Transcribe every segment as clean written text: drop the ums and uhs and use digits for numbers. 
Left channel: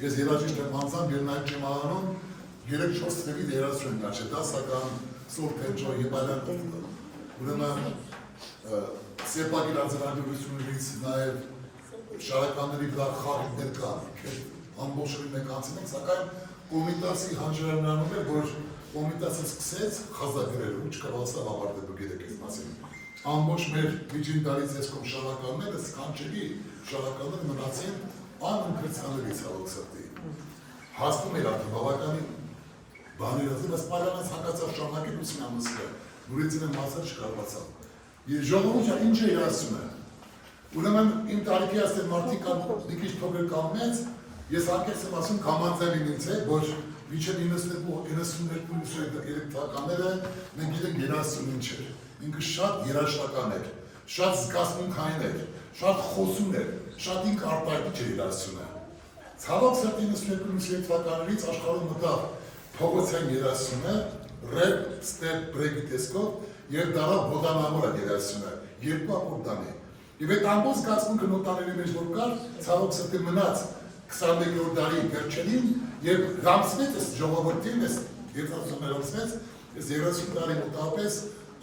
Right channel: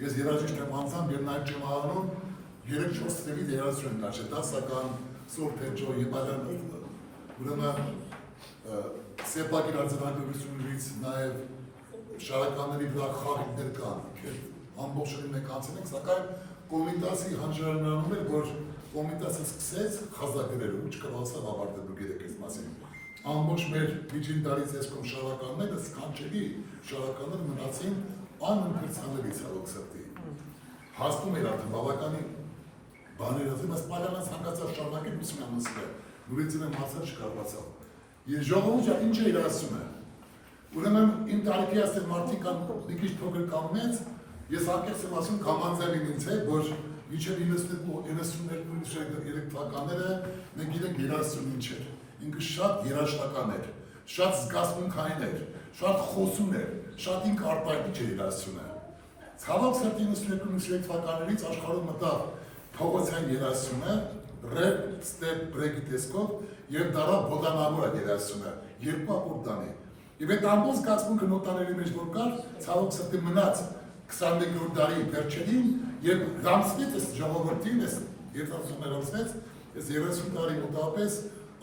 ես երաժիշտ եմ անձամբ եւ նաեւ չեմ անում 3-4 թվի երաժշտություն դաշը դասական սորտեջո եւ այլն ուրեմն սեպագիր արձանագրություններից նաեւ շարականների վրա խաղիկներ կան ամբողջովին մենք անցել ենք սակայն կոմիտասի հանրարարանում էր որ կոմիտասը սկսեց խազագրել ու չկարողացավ ավարտել դուք եք այս մասին ամբողջ մեր միջին դարից եսկում շարականները սքանչելի շարականները մնացին անընդգրկելի ցավոք սրտի հասնում էր արդեն բավականին բաներ ասել բայց պարանց հանգացած շարունակել ուսումնասիրը նորից եմ մասը չկարողացավ եւ ժողովուրդը ինչ է ասում ուրեմն իմ տարիքի ասել մարդիկ կան մի քիչ փոքր կամ մեծ ես արկես եմ ասում կամանձավին ինձ է որ միջև 92-93 թվականները մենք գիտենք երաժշտություն ինչ էր ինքը շատ երաժշտական էր շատ զգացմունքային էր շատ խոսուն էր շատ ինք արտահայտիչ էր երաժշտությունը ցավոք սրտի 92-93 թվականներից աշխարհում մտավ փողոցային երաժշտությունը ռեփ, ստեփ, բրեյքի տեսքով եւ դարավ բոդանավոր երաժշտությունը երկու ակորդանի եւ այդ ամբողջ զգացմունքը նոտաների մեջ որ կար ցավոք սրտի մնաց 21-րդ դարի վերջերին եւ ռամսվեց այս ժողովրդին այս երաժշտություններով այս 30 տարի մոտավորապես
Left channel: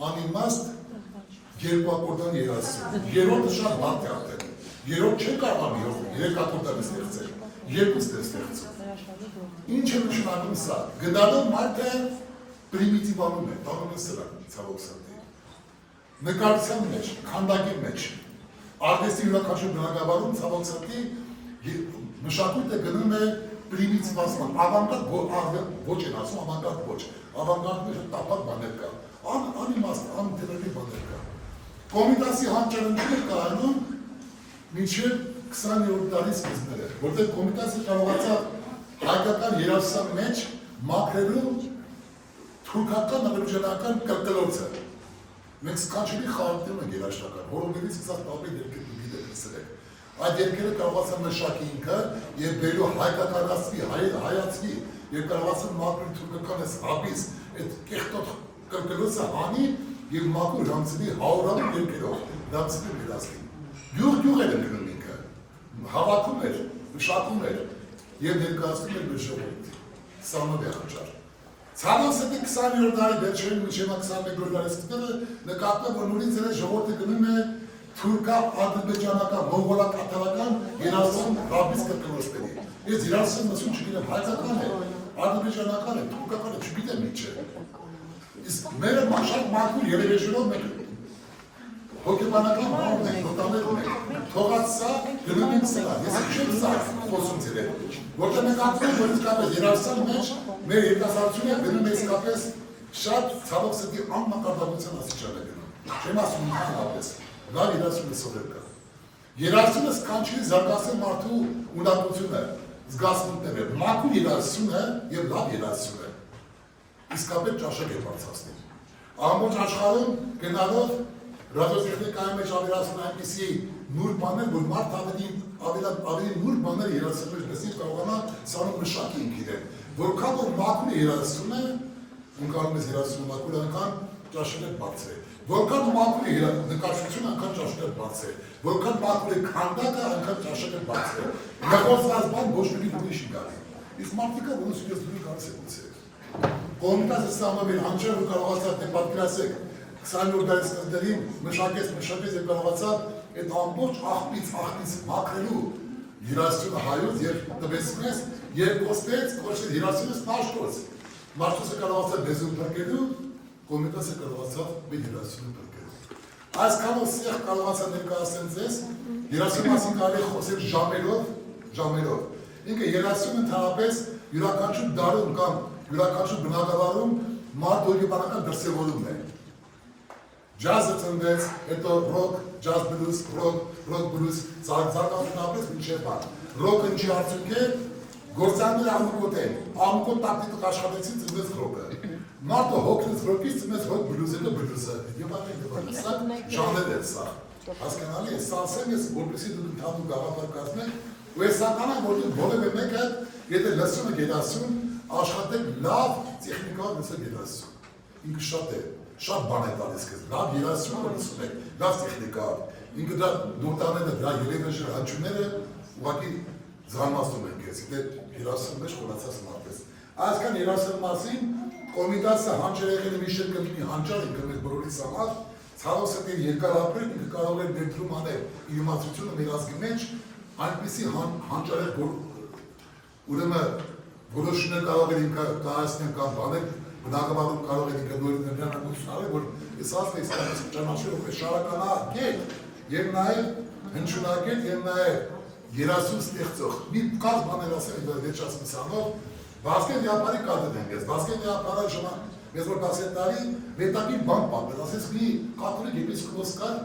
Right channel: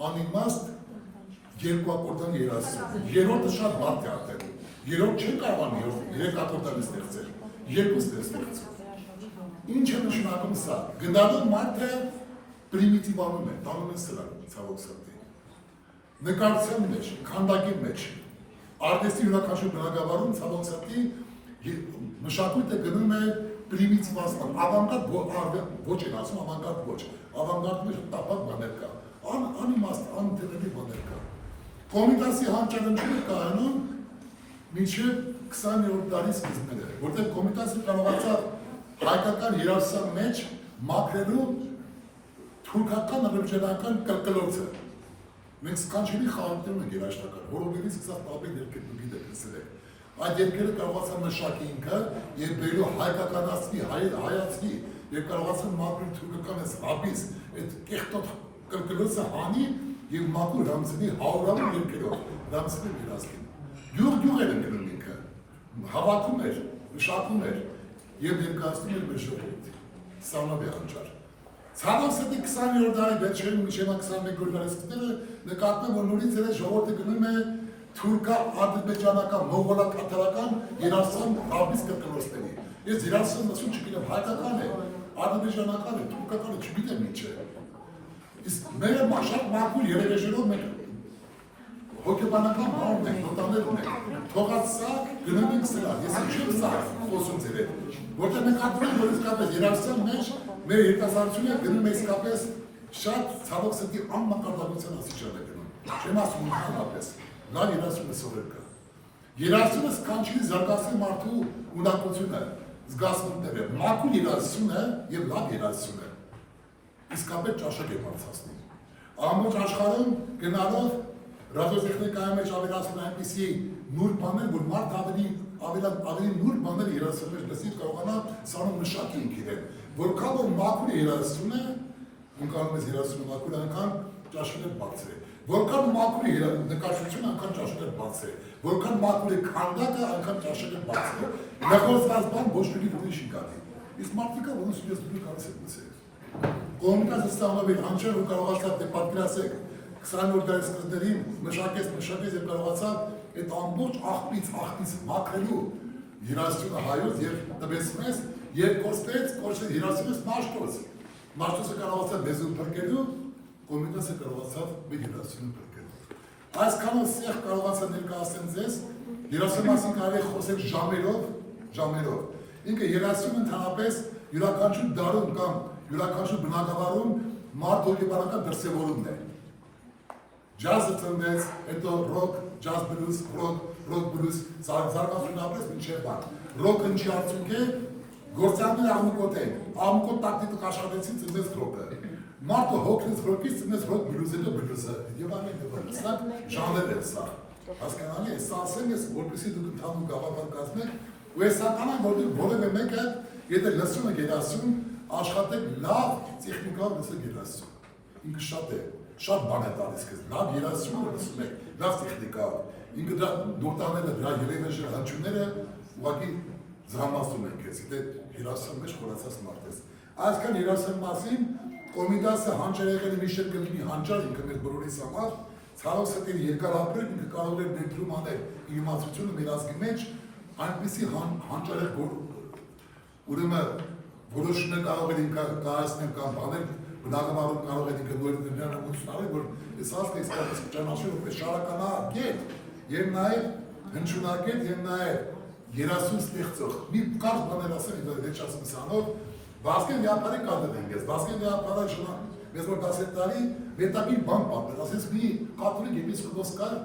անիմաստ երկու ակորդան երաժշտություն երրորդը շատ բարդ է արդեն երրորդ չեն կարողանում 3 ակորդան ստեղծել երկուսն է ստեղծում ինչ է նշանակում սա գնալով մարդը պրիմիտիվանում է տանում է սրան ցավոք սրտի նկարչության մեջ քանդակի մեջ արտիստի յուրաքանչյուր բնագավառում ցավոք սրտի մշակույթը գնում է պրիմիտիվացման ավանգարդ ոչ են ասում ավանգարդ ոչ ավանգարդը տապակ բաներ կա անիմաստ անտերելի բաներ կա կոմիտասի հանճարենները կայանում մինչև 20-րդ դարի սկիզբները որտեղ կոմիտասը կարողացավ հայկական երաժշտության մեջ մաքրելու թուրքական ադրբեջանական կրկլոցը մենք սքանչելի խաղարկներում ենք երաժշտական հորոմերից սկսած տապի դերքեր դուք գիտեք այդ երկերը կարողացան մշակի ինքը եւ բերու հայկականացվի, հայացվի եւ կարողացան մաքրել թուրքական այս հաբիս այդ կեղտոտ կրկլոցը հանի եւ մաքուր ռամսինի հաուրավոր երկերով ռամսինի միրազքին գյուղ էր ընկնում ինքը հավաքում էր, մշակում էր եւ ներկայացնում էր մեր ժողովրդին սանավի հանճար ցավոք սրտի 20-րդ դարի վերջերին մինչեւ 21-րդ դարի սկզբները նկատվում որ նորից էր ժողովուրդը գնում է թուրքա ադրբեջանական, մոնղոլական երաժշտության ռաբիս կրկնոցների։ Ես երաժշտության մսում չգիտեմ հայկական է, ադրբեջանական է, թուրքական է, չգիտեմ ինչ է։ Իսկ մերը շատ մաքուր երևեժերով մենք հոգեբանական բանն ենք, նոտաներ ունենք։ Թողած սա գնում ենք սրան, ես չեմ սա խոսում ձեր հետ։ Որտեղ մենք ակտում ենք, որ իսկապես երաժշտության մեջ մեր երիտասարդությունը գնում է իսկապես շատ ցավոք սրտի անմակարդակության աստիճան է գնում։ Չեմ ասում ընդհանրապես լավ երաժշտությունը սովոր կա։ Երաժշտությունը սքանչելի զարգացել մարդու ունակությունը, զգացմունքները, մաքուր երաժշտությունը եւ լավ երաժշտությունը իսկապես ճաշակ է բարձրացնում։ Ամբողջ աշխարհում գնալով ռադիոտեխնիկայի մեջ ավելացնում այնպիսի նուրբ բաներ, որ մարդ ավելի նուրբ բաներ երաժշտության մեջ լսի կարողանա սանում մշակի ինքին։ Որքան որ մաքուր է երաժշտությունը, ունկանում ես երաժշտությունը մաքուր այնքան ճաշակը բարձր է։ Որքան մաքուր է նկարչությունը, այնքան ճաշակը բարձր է։ Որքան մաքուր է քանդակը, այնքան ճաշակը բարձր է։ Նախորդած բան ոչ մի ուրիշ գալի։ Իսկ մարդիկը ոնց ես դու կարծես ոնց է։ Կոմիտասը սամավիր հանճեր ու կարողացավ դե պատկերացեք 20-րդ դարի սկզբներին մշակեց եւ կարողացավ այդ ամբողջ աղբից մաքրելու երաժշտությունը հայոց եւ տվեց մեզ եւ կոչեց երաժշտությունը Մաշտոցը կարողացավ մեզուն փրկելու, Կոմիտասը կարողացավ մեր երաժշտությունը փրկելու։ Այսքանով սեղ կարողացա ներկայացնել ձեզ, երաժշտության մասին կարելի է խոսել ժամերով։ Ինքը երաժշտությունը ընդհանրապես յուրաքանչյուր դարում կամ յուրաքանչյուր բնակավարում մարդ հոգեբանական դրսևորումն է։ Ջազը ծնվեց, հետո ռոք, ջազ բլյուզ, ռոք բլյուզ, զարգացումն ապրեց մինչև բան։ Ռոքը ինչի արդյունք է, գործարները ամուկոտ են, ամուկոտ տակտիկ աշխատեցին ծնվեց ռոքը։ Մարդը հոգնեց ռոքից ծնվեց ռոք բլյուզը բլյուզը։ Եվ այլն, սա ժանր է սա։ Հասկանալի է, սա ասեմ ես, որպեսզի դուք ընդհանուր գաղափար կազմեք, ու ես սականա, որ դուք որևէ մեկը, եթե լսում եք երաժշտություն, աշխատեք լավ տեխնիկայով լսեք երաժշտություն։ Ինքը շատ է, շատ բան է տալիս քեզ, լավ երաժշտություն լսում եք, լավ տեխնիկայով։ Ինքը դա նոտաները, դրա երևեժը հնչյունները ուղղակի զամասում են քեզ, եթե հիրասում մեջ խորացած մարդ ես։ Այսքան հիրասել մասին Կոմիտասը հանճար եղել մի շերտ կլինի հանճար ինքը մեր բոլորիս համար, ցավոս հետ երկար ապրել ինքը կարող էր ներդրում անել իր իմացությունը մեր ազգի մեջ, այնպիսի հանճարեղ ուրեմն որոշումներ կարող էր ինքը կայացնել կամ բանել, բնակավարում կարող էր ինքը նորից նրբանակություն արել, որ այս ազգը իսկապես ճանաչել որպես շարականագետ եւ նաեւ հնչյունակետ եւ նաեւ երասուն ստեղծող։ Մի կար բաներ ասել վերջացնելով Վասկեն դիապարի կատը դենգես, Վասկեն դիապարը շմա մեզ որ 10 տարի վետակի բան պատմել, ասես մի կաթոլիկ եպիսկոպոս կար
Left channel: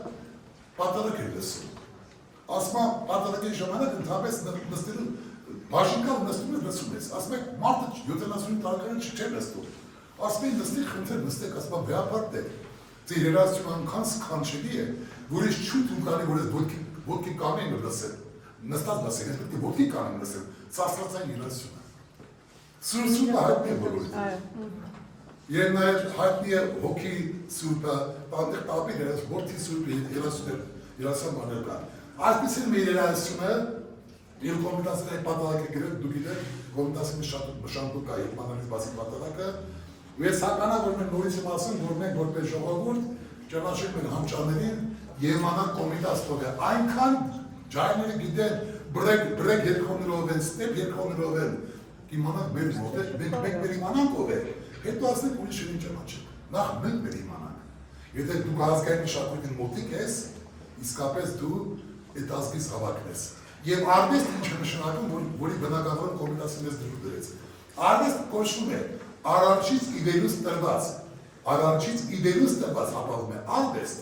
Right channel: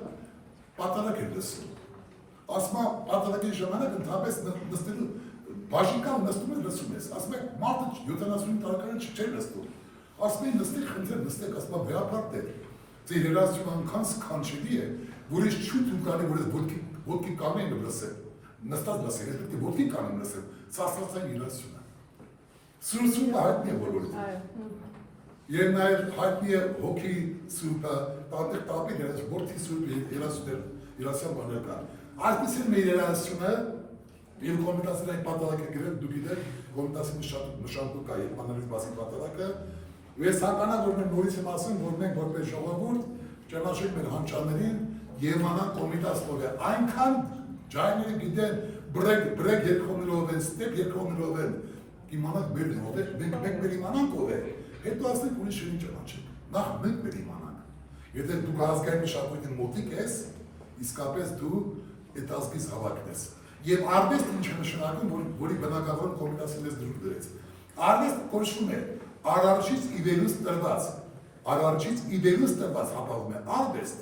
պատարակ էր լսում։ Ասма պատարակի ժամանակ ընդհանրապես նստելու բաժիկալ նստում ես լսում ես, ասում եք մարդը 75 տարեկան չէ լսում։ Ասում են նստեք, խնդրեմ նստեք, ասում եմ վեապարտ դեր։ Ձեր երազությունը այնքան սքանչելի է, որ ես չուտ ունկանի, որ ես ոտքի կանեն լսել, նստած լսել, ես պետք է ոտքի կանեմ լսել, սասրացային երազությունը։ Սուրսուրը հայտնի է բոլորիդ։ Եվ նաև հայտնի է հոգի սուրպը, տանդեղ տապի որդի սուրպը երասյան բաներ կան։ Այսպես են մեր երասյունը, և կոմիտասին այդ պատարակ է գրել, դու գիտեք, կոմիտասի մշանտուկ կա, և մանալից բասի պատարակը, ու ես հականա, որ մենք նորից եմ ասում, որ մենք որպես ժողովուրդ ճանաչենք մեր հանճարներին և մանան կոմիտասով է, այնքան ջայները գիտեն բրեկ երկրոներով են, ստեպ երկրոներով են, իմանանք մեր մոտեր, մենք մեր իմանանք ով է, հետո ասենք ուրիշ են ճանաչենք, նախ մենք մեր իմանանք, եթե դու ազգային մշակույթին մոտիկ ես, իսկապես դու այդ ազգից հավաքն ես, և արվեստ ինչ է նշանակում, որի բնակավորն կոմիտասին ես դրուր դրեց, արվեստ կոչվում է Արարչից իվերուս տրված հապաղում է արվեստ,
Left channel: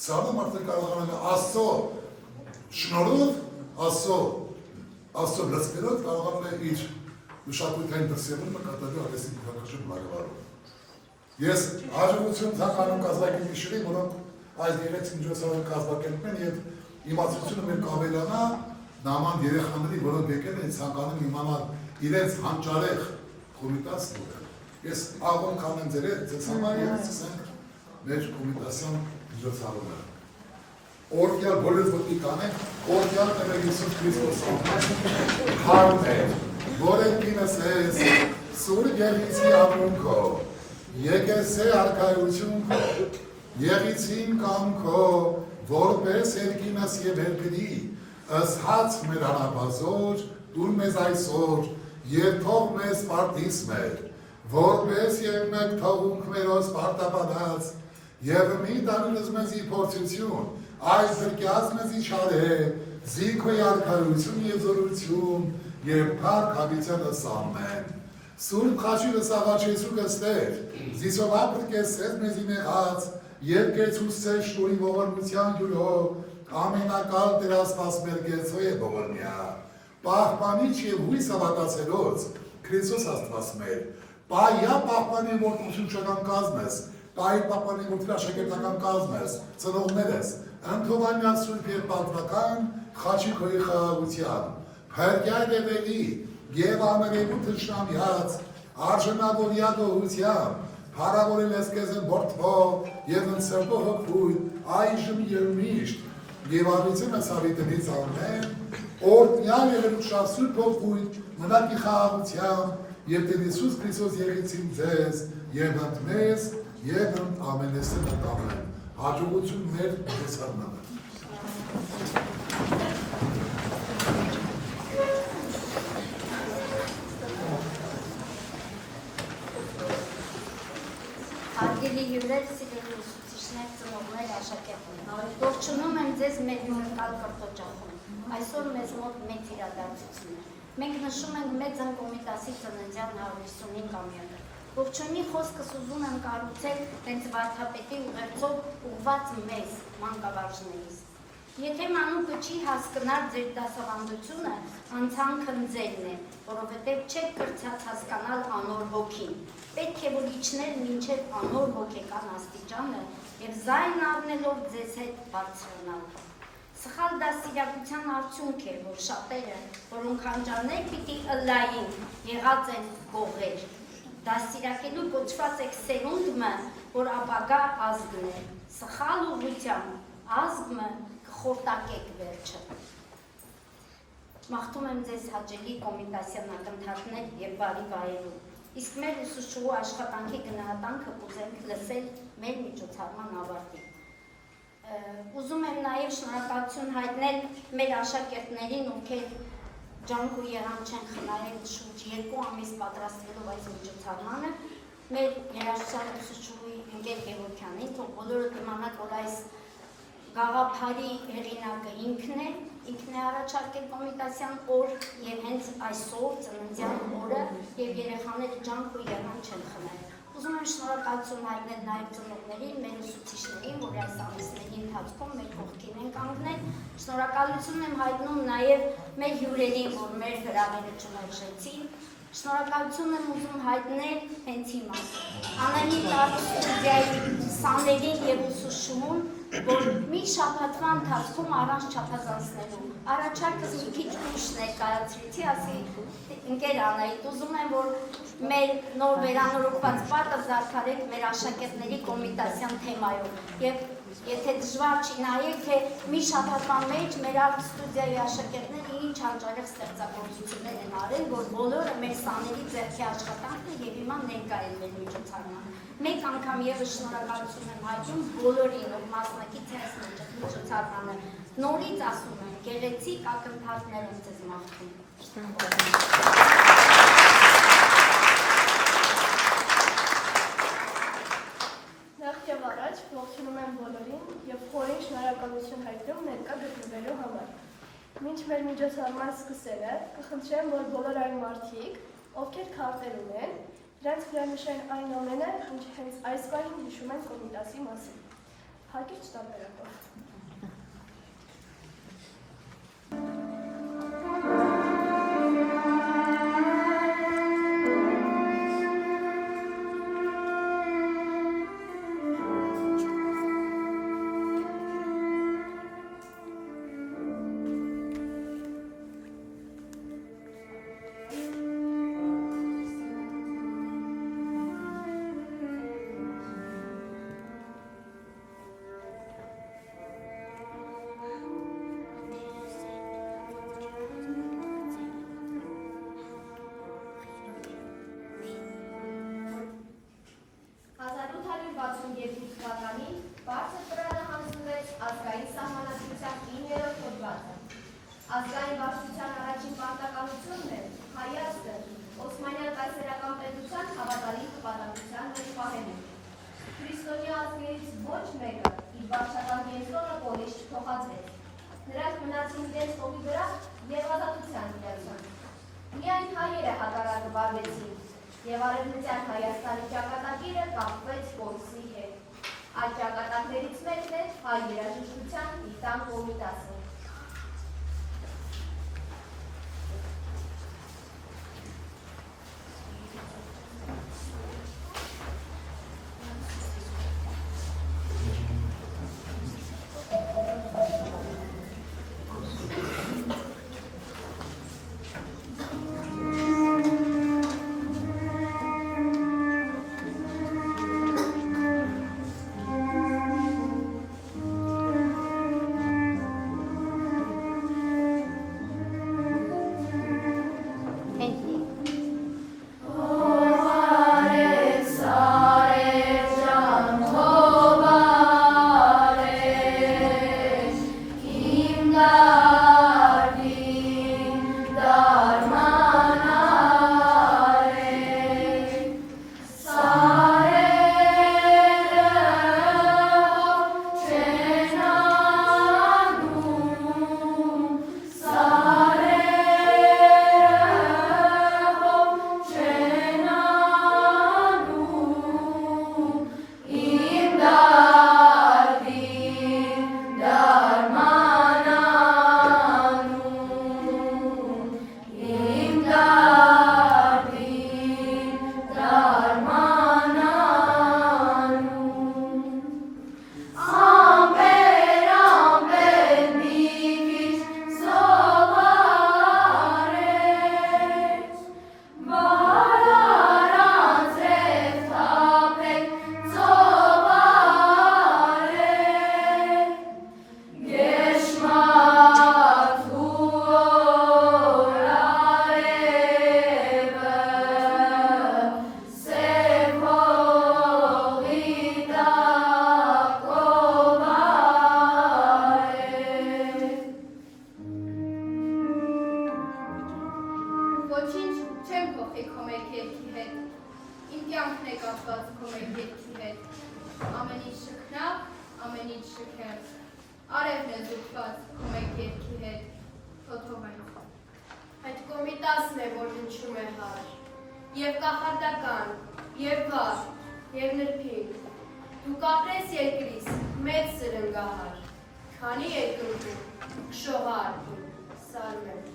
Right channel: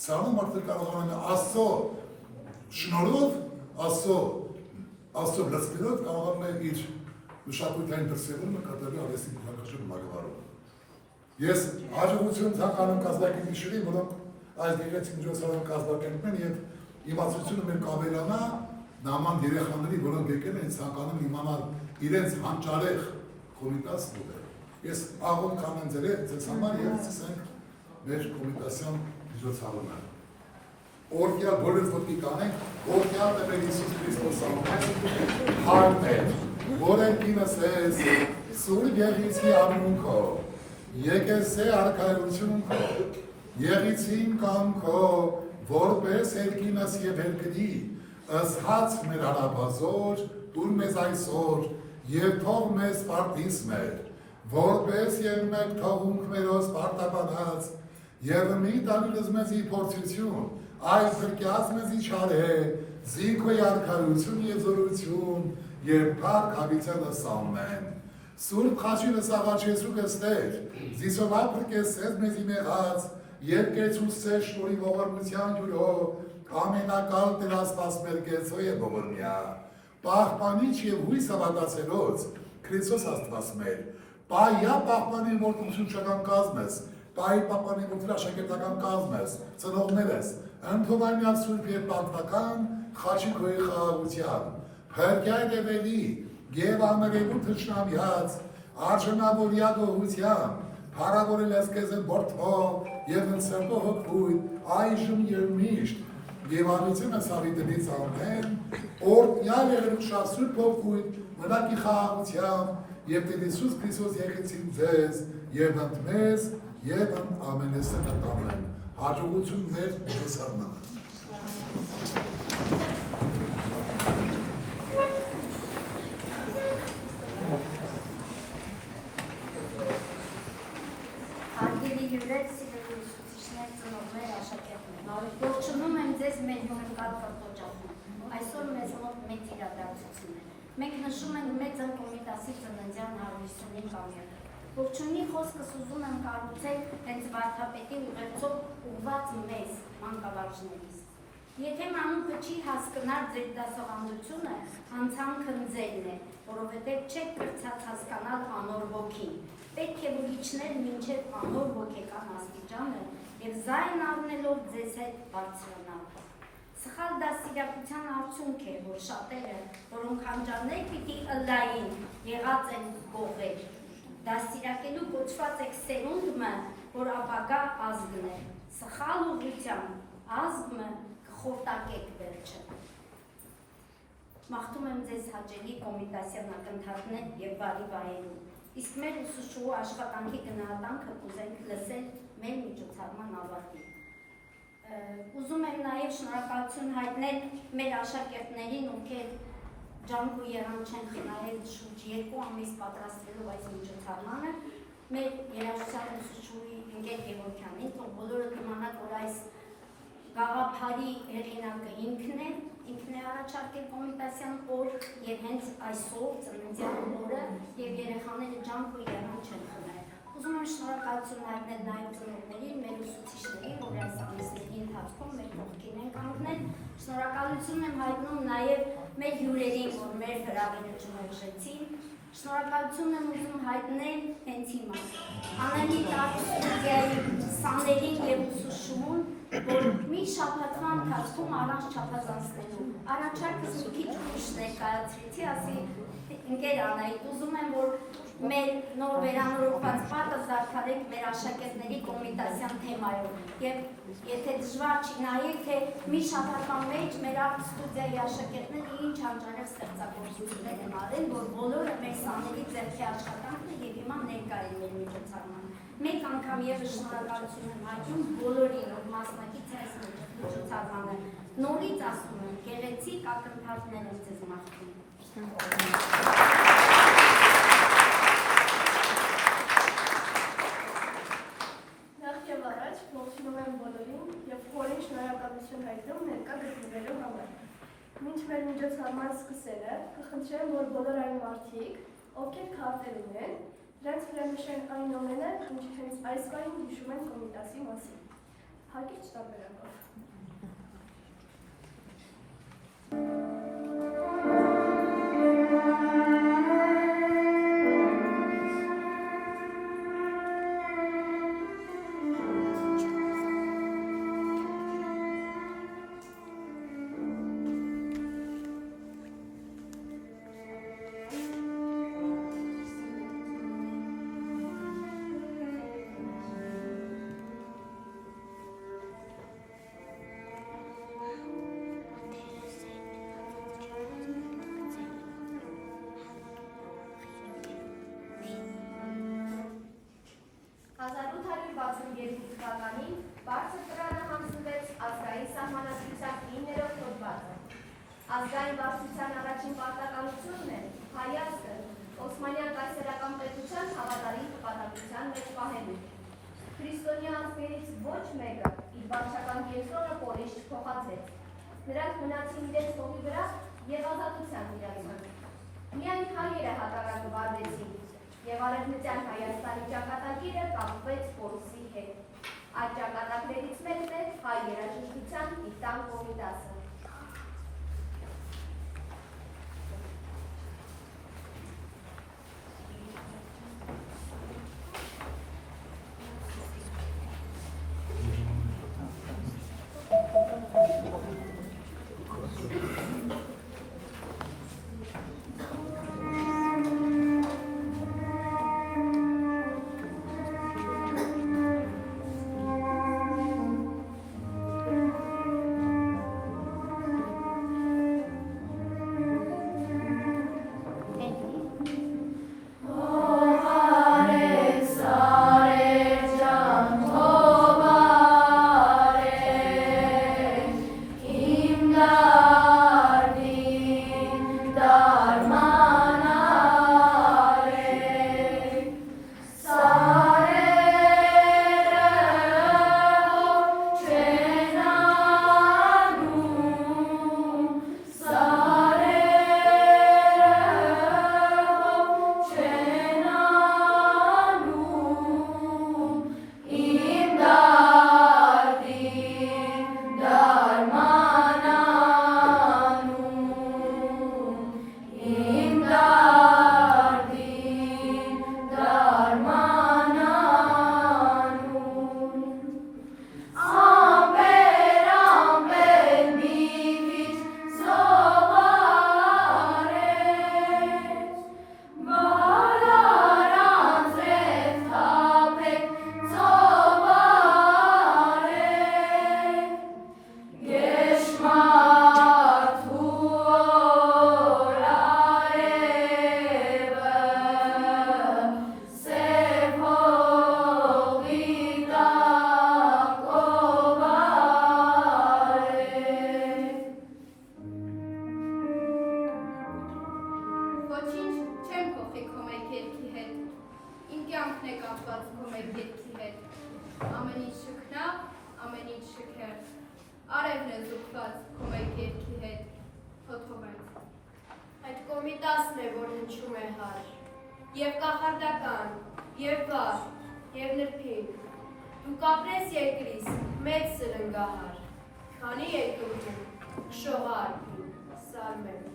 սալու մարդը կարողանում է Աստծո շնորհով, Աստծո լծկերով կարողանում է իր մշակույթային դրսևորումը կատարելու արվեստի բնակաչի բնակավարում։ Ես հաջողություն ցանկանում կազմակերպիչների, որոնք այս դերեցին միջոցառում կազմակերպում են եւ իմացությունը մեր կավելանա նման երեխաների, որոնք եկել են ցանկանում իմանալ իրենց հանճարեղ կոմիտասն ուղղել։ Ես աղոն կանեմ ձեզ համար եւ սկսենք մեր կոմիտասյան միջոցառումը։ Օրգյալ բոլորս ոտքի կանենք, օրգյալ է մեր Հիսուս Քրիստոս անունով, հարում է, որ ընկինս ես, սուր եղիցի ամունքո, եկես է արկայություն քո, եղիցին կամքո, որպես երկինս և երկրի, ըսհաց մեր հարաբազոր, դուր մեզ այսօր, և թող մեզ պարտիս մեր, որպես և մեկ թողունք մերոս պարտապանած, և մի տալուլս մեզի փորձություն, այս դրկյաց մեզի չար է, զիքոյ արկայություն և զորություն, և պարկ հավիցելս ամեն, սուրբ խաչիրս աղաչեսու կստեր, զիսով ապրկես սեզ մեզի մեղած, և կեցուսեր շնորի ողորմության յուրով, ամենակալ դրաստաս մեր գեցո է ողորմյա, պահպանիչ և հույս հավատացելոց, Քրիստոս աստված մեր, պայա պահպանի որդուսուչական կազմես, պայի պահպանի որդրաշակերտական կազմես, ծնողներես, ընդհովանյան սուրբ և պատվական, խաչի քոյի խաղաղության, փրկյալ դևելի, և ամերևու թշնամյաց, արժանավորյա գողությամբ, հարավորել ես կեզ են բորդվող և ընցրտող հոգույթ, այժմ և միշտ, և արվիցեմ ես հավիտենից ամեն, օրդյալ եղել ուշավ սուրբ հոգույթ, մնակի խաղաղությամբ, և տեն Հիսուս Քրիստոս եղեցին ձեզ, և ընդ մեզ, և ընդ ամենեսն ամեն, հաջողություն մեր միջոցառմանը։ Հարգելի հյուրեր, սիրելի ուսուցիչներ, ծնողներ, աշակերտներ, ողջունում եմ ձեզ մեր մոնիկալ կրթօջախում։ Այսօր մեզ մոտ մեծ իրադարձություն է։ Մենք նշում ենք Մեծն Կոմիտասի ծննդյան 155-ամյակը։ Ողջույնի խոսքս ուզում եմ կառուցել հենց վարդապետի ուղերձով ուղղված մեզ, մանկավարժներից։ Եթե մանուկը չի հասկնար ձեր դասավանդությունը, անցանքն ձերն է, որովհետև չեք կրծած հասկանալ անոր ոգին։ Պետք է որ իջնել մինչև անոր հոգեկան աստիճանը և զայն առնելով ձեզ հետ բարձրանալ։ Սխալ դաստիարակության արդյունք է, որ շատերը, որոնք հանճարներ պիտի ըլլային, եղած են գողեր։ Դաստիարակելու կոչված եք սերունդը, որ ապագա ազգն է, սխալ ուղղությամբ ազգը կխորտակեք վերջը։ Մաղթում եմ ձեզ հաճելի կոմիտասիան ակնթարթներ և բարի վայելում։ Իսկ մեր ուսուցչուհու աշխատանքի գնահատանքը կուզենք լսել մեր միջոցառման ավարտին։ Ուզում եմ նաև շնորհակալություն հայտնել մեր աշակերտներին, ովքեր ջանք ու եռանդ չեն խնայել շուրջ 2 ամիս պատրաստվելով այս միջոցառմանը, մեր երաժշտության ուսուցչուհի Ընկեր Գևորգյանին, թող բոլորը իմանան, որ այս գաղափարի հեղինակը ինքն է առաջարկել կոմիտասիան օր և հենց այսօր ծննդյան օրը և երեխաները ջանք ու եռանդ չեն խնայել։ Ուզում եմ շնորհակալություն հայտնել նաև ծնողներին, մեր ուսուցիչներին, որ այս ամիսների ընթացքում մեր կողքին են կանգնել։ Շնորհակալություն եմ հայտնում նաև մեր հյուրերին, որ մեր հրավերը չմերժեցին։ Շնորհակալություն եմ ուզում հայտնել հենց հիմա Անահիտ ստուդիայի սաներին և ուսուցչուհուն, որ մի շաբաթվա ընթացքում առանց չափազանցնելու առաջարկս մի քիչ ուշ ներկայացրեցի, ասի ընկեր Անահիտ, ուզում եմ, որ մեր նոր վերանորոգված պատը զարդարեք մեր աշակերտների կոմիտասիան թեմայով և եթե դժվար չի նայեք, թե մի շաբաթվա մեջ մեր ստուդիայի աշակերտները ինչ հանճարեղ ստեղծագործություններ են արել, որ բոլորը մեր սաների ձեռքի աշխատանքն է և հիմա ներկա են մեր միջոցառմանը։ Մեկ անգամ ևս շնորհակալություն եմ հայտնում բոլորին, որ մասնակից է այս միջոցառմանը։ Նորից ասում եմ, գեղեցիկ ակնթարթներ եմ ձեզ մաղթում։ Նախ և առաջ ողջունում եմ բոլորին և խորին շնորհակալություն հայտնում ներկա գտնվելու համար։ Մինչ մեր միջոցառման սկսելը, կխնդրեմ, որ բոլոր այն մարդիկ, ովքեր քարտեր ունեն, դրանց վրա նշեն այն ամենը, ինչ հենց այս պահին հիշում են կոմիտասի մասին։ Հակիրճ տարբերակով։ Ազգային վարչության առաջին պարտականությունն է Հայաստը Օսմանյան կայսերական պետության հավատալի պատմության մեջ պահելու։ Քրիստոնյա ազգերից ոչ մեկը իր վարչական կենտրոնը Պոլիշ չփոխադրեց։ Նրանք մնացին իրենց հողի վրա և ազատության միացան։ Միայն հայերը հակառակը վարվեցին և Արևմտյան Հայաստանի ճակատագիրը կապվեց Պոլիսի հետ։ Այդ ճակատագրերից մեկն է հայ երաժշտության Տիտան կոմիտասը։ Ոչինչ չեմ փոխի քո մեկ երգի հետ, իմ կյանքն է կապված քո մեկ երգի հետ, ամեն ինչ շքնավ, ամեն ինչ շքեղ, արևն է զուգված քո մեկ երգի հետ, թոթովայց։ Այդ կոմիտասն է, որ հնչում է հար, և կախարդական, և վար, և նրբին, դու կապրես երկրիս, մեծ սրնգահար, քանի երկրում, շողար, սարմեն։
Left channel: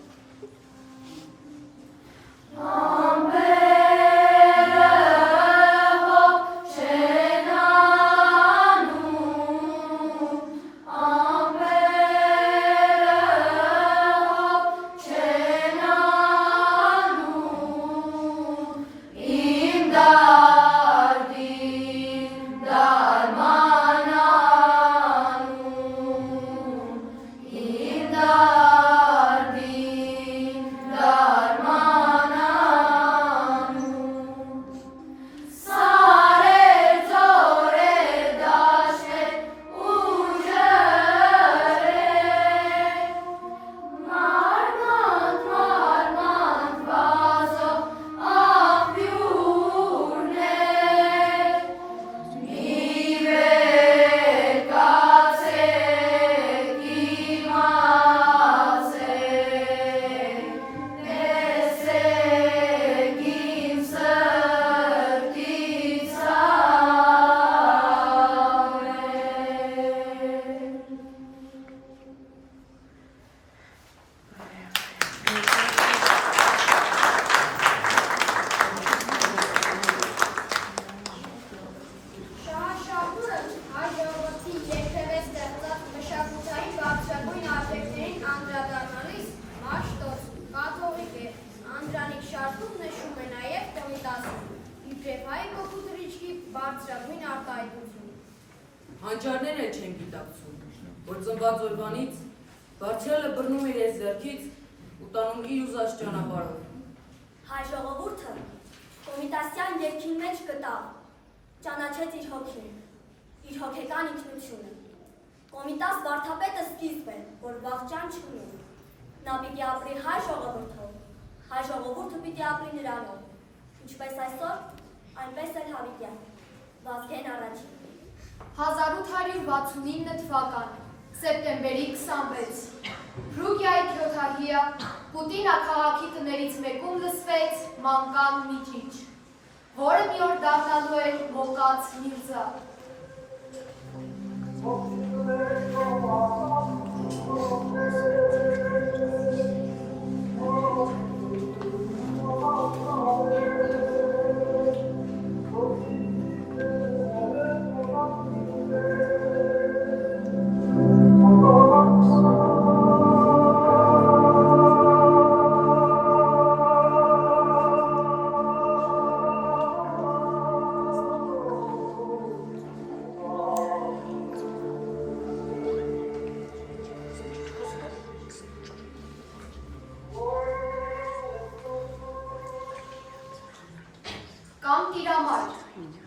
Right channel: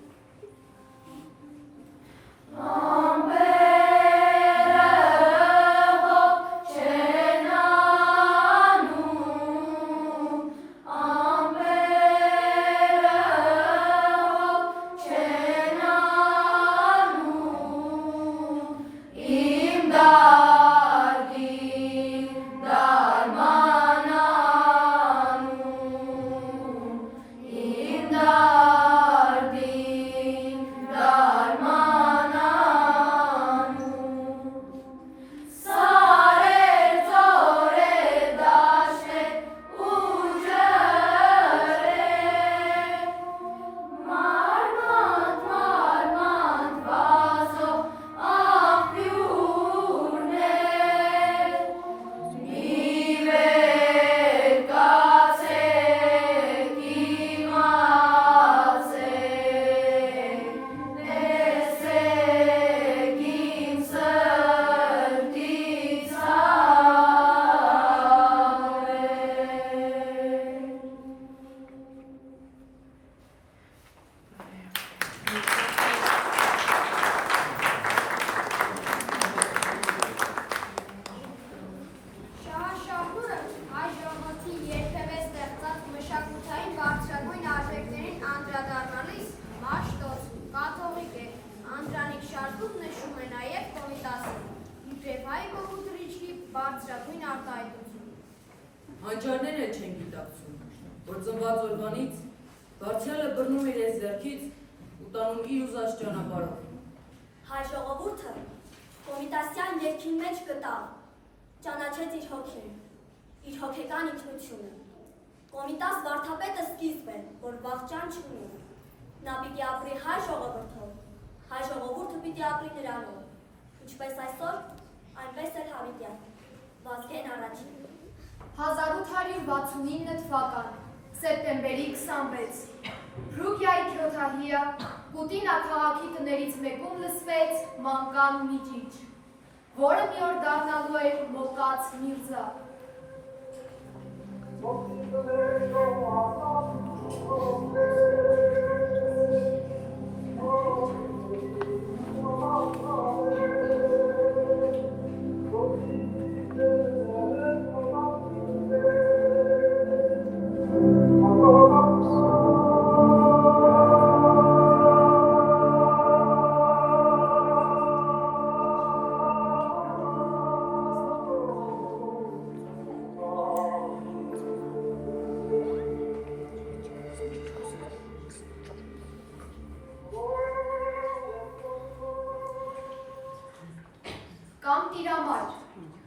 Հանճարները չեն գիտակցում, որ ծնված օրվանից բարձրելը բռնում իր ես ձեռքից ու տանում իր ուզած ճանապարհով։ Հայ ժողովուրդը կոմիտասյան երգին մեջ գտավ, ճանաչեց իր հոգին, իր հոգեկան ինքնությունը։ Կոմիտաս վարդապետը սկիզբ է, որ վախճան չունի։ Նա պիտի ապրի հայ ժողովրդով, հայ ժողովուրդը պիտի ապրի նրանով, ինչպես այսօր, այնպես էլ հավիտյան, Վազգեն առաջին։ 1869 թվական, սեպտեմբերի 26, Ռուգիայի քյոթահիա Պուտինա քաղաքի տներից մեկում լսվեց մանկան միջիչ, որը մի օր դառնալու էր մոկած Միրզա։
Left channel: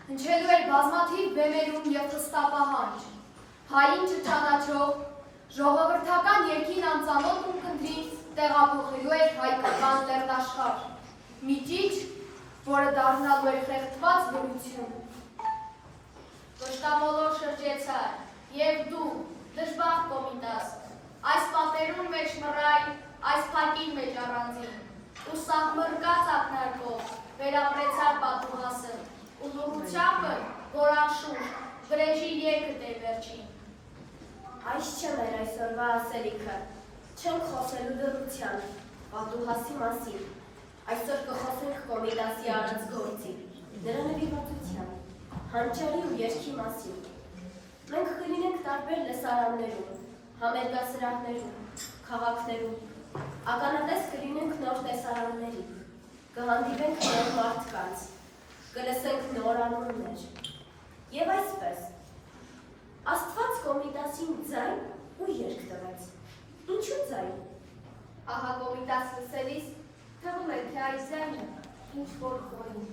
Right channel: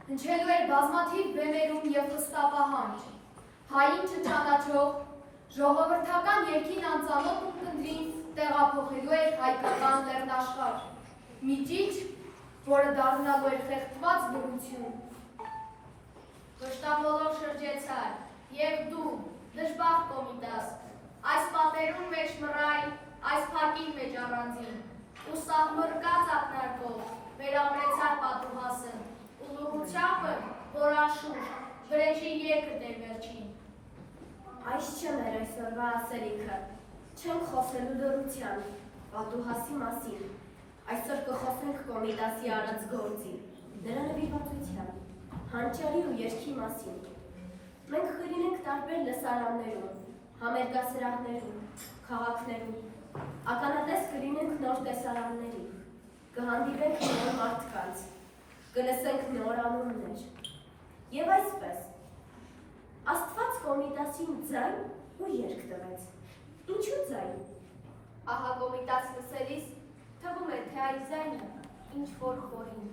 Հնչելու էր բազմաթիվ բեմերում և խստապահանջ, հային չճանաչող, ժողովրդական երգին անծանոթ ունկնդրից տեղափոխելու էր հայկական լեռնաշխարհ, միջիչ, որը դառնալու էր խեղդված լռություն։ Վշտամոլոր շրջեցար, և դու, դժբախտ Կոմիտաս, այս պատերուն մեջ մռայլ, այս փակին մեջ առանձին, ու սաղմռկած ակնարկով վերապրեցար պատուհասը, ու լուռությապը, որ անշուշ, վրեժի երգը դեր վերջին։ Այս չեմ էր այսօրվա ասելիքը, չենք խոսելու լռությանը, պատուհասի մասին, այսօր կխոսենք Կոմիտասի արած գործի, դրա նվիրվածության, հանճարի ու երգի մասին։ Մենք կլինենք տարբեր լսարաններում, համերգասրահներում, քաղաքներում, ականատես կլինենք նոր տեսարանների, կհանդիպենք նոր մարդկանց, կլսենք նոր անուններ, և այսպես, Աստված Կոմիտասին ձայն ու երգ տվեց, ինչու ձայն։ Ահա Կոմիտաս լսելիս, թվում է, թե այս ձայնը ինչ-որ խորին,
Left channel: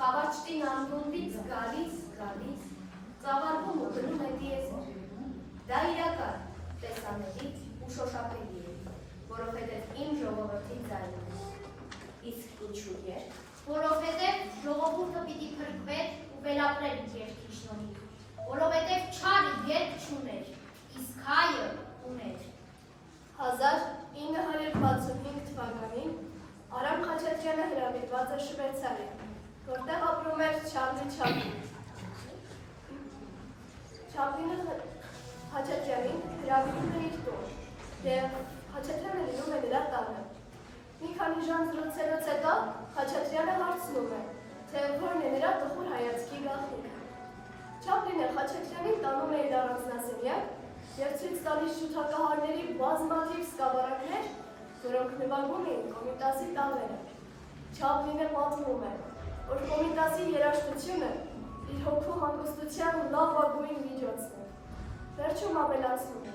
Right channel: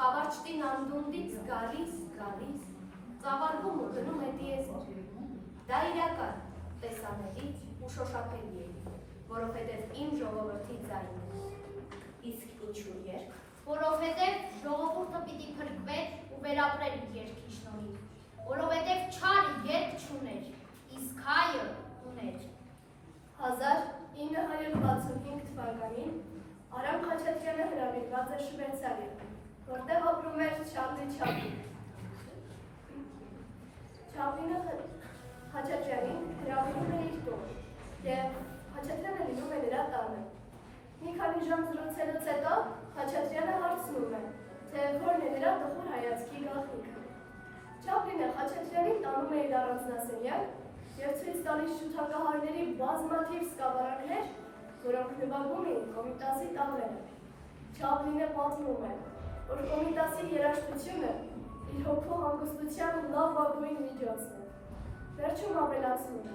խավաճտին անդունդից գալիս, ծավալվում ու դնում է դիեզեր։ Դա իրական, տեսանելի ու շոշափելի է, որովհետև իմ ժողովրդի ձայնն է։ Իսկ որովհետև ժողովուրդը պիտի փրկվեր ու վերապրեր իր երկրի շնորհիվ, որովհետև չարը երկ չուներ, իսկ հայը ուներ։ 1965 թվականին Արամ Խաչատրյանը հրավիրված էր Շվեյցարիա, որտեղ ապրում էր Չարլի Չապլին։ Չապլինը Խաչատրյանին հրավիրում է իր տուն, և Խաչատրյանը լինում է նրա տանը։ Մի քանի ժամ զրուցելուց հետո Խաչատրյանը հարցնում է, թե որն է նրա տխուր հայացքի գաղտնիքը։ Չապլինը Խաչատրյանին տանում է իր առանձնասենյակ և ցույց տալիս շուտակահարների բազմաթիվ սկավառակներ, որոնք նվագում էին Կոմիտասի տաղերը։ Չապլինը պատմում է, որ Կոմիտասի երաժշտությունը իր հոգու հանգստության լավագույն միջոցն է։ Վերջում ավելացնում է.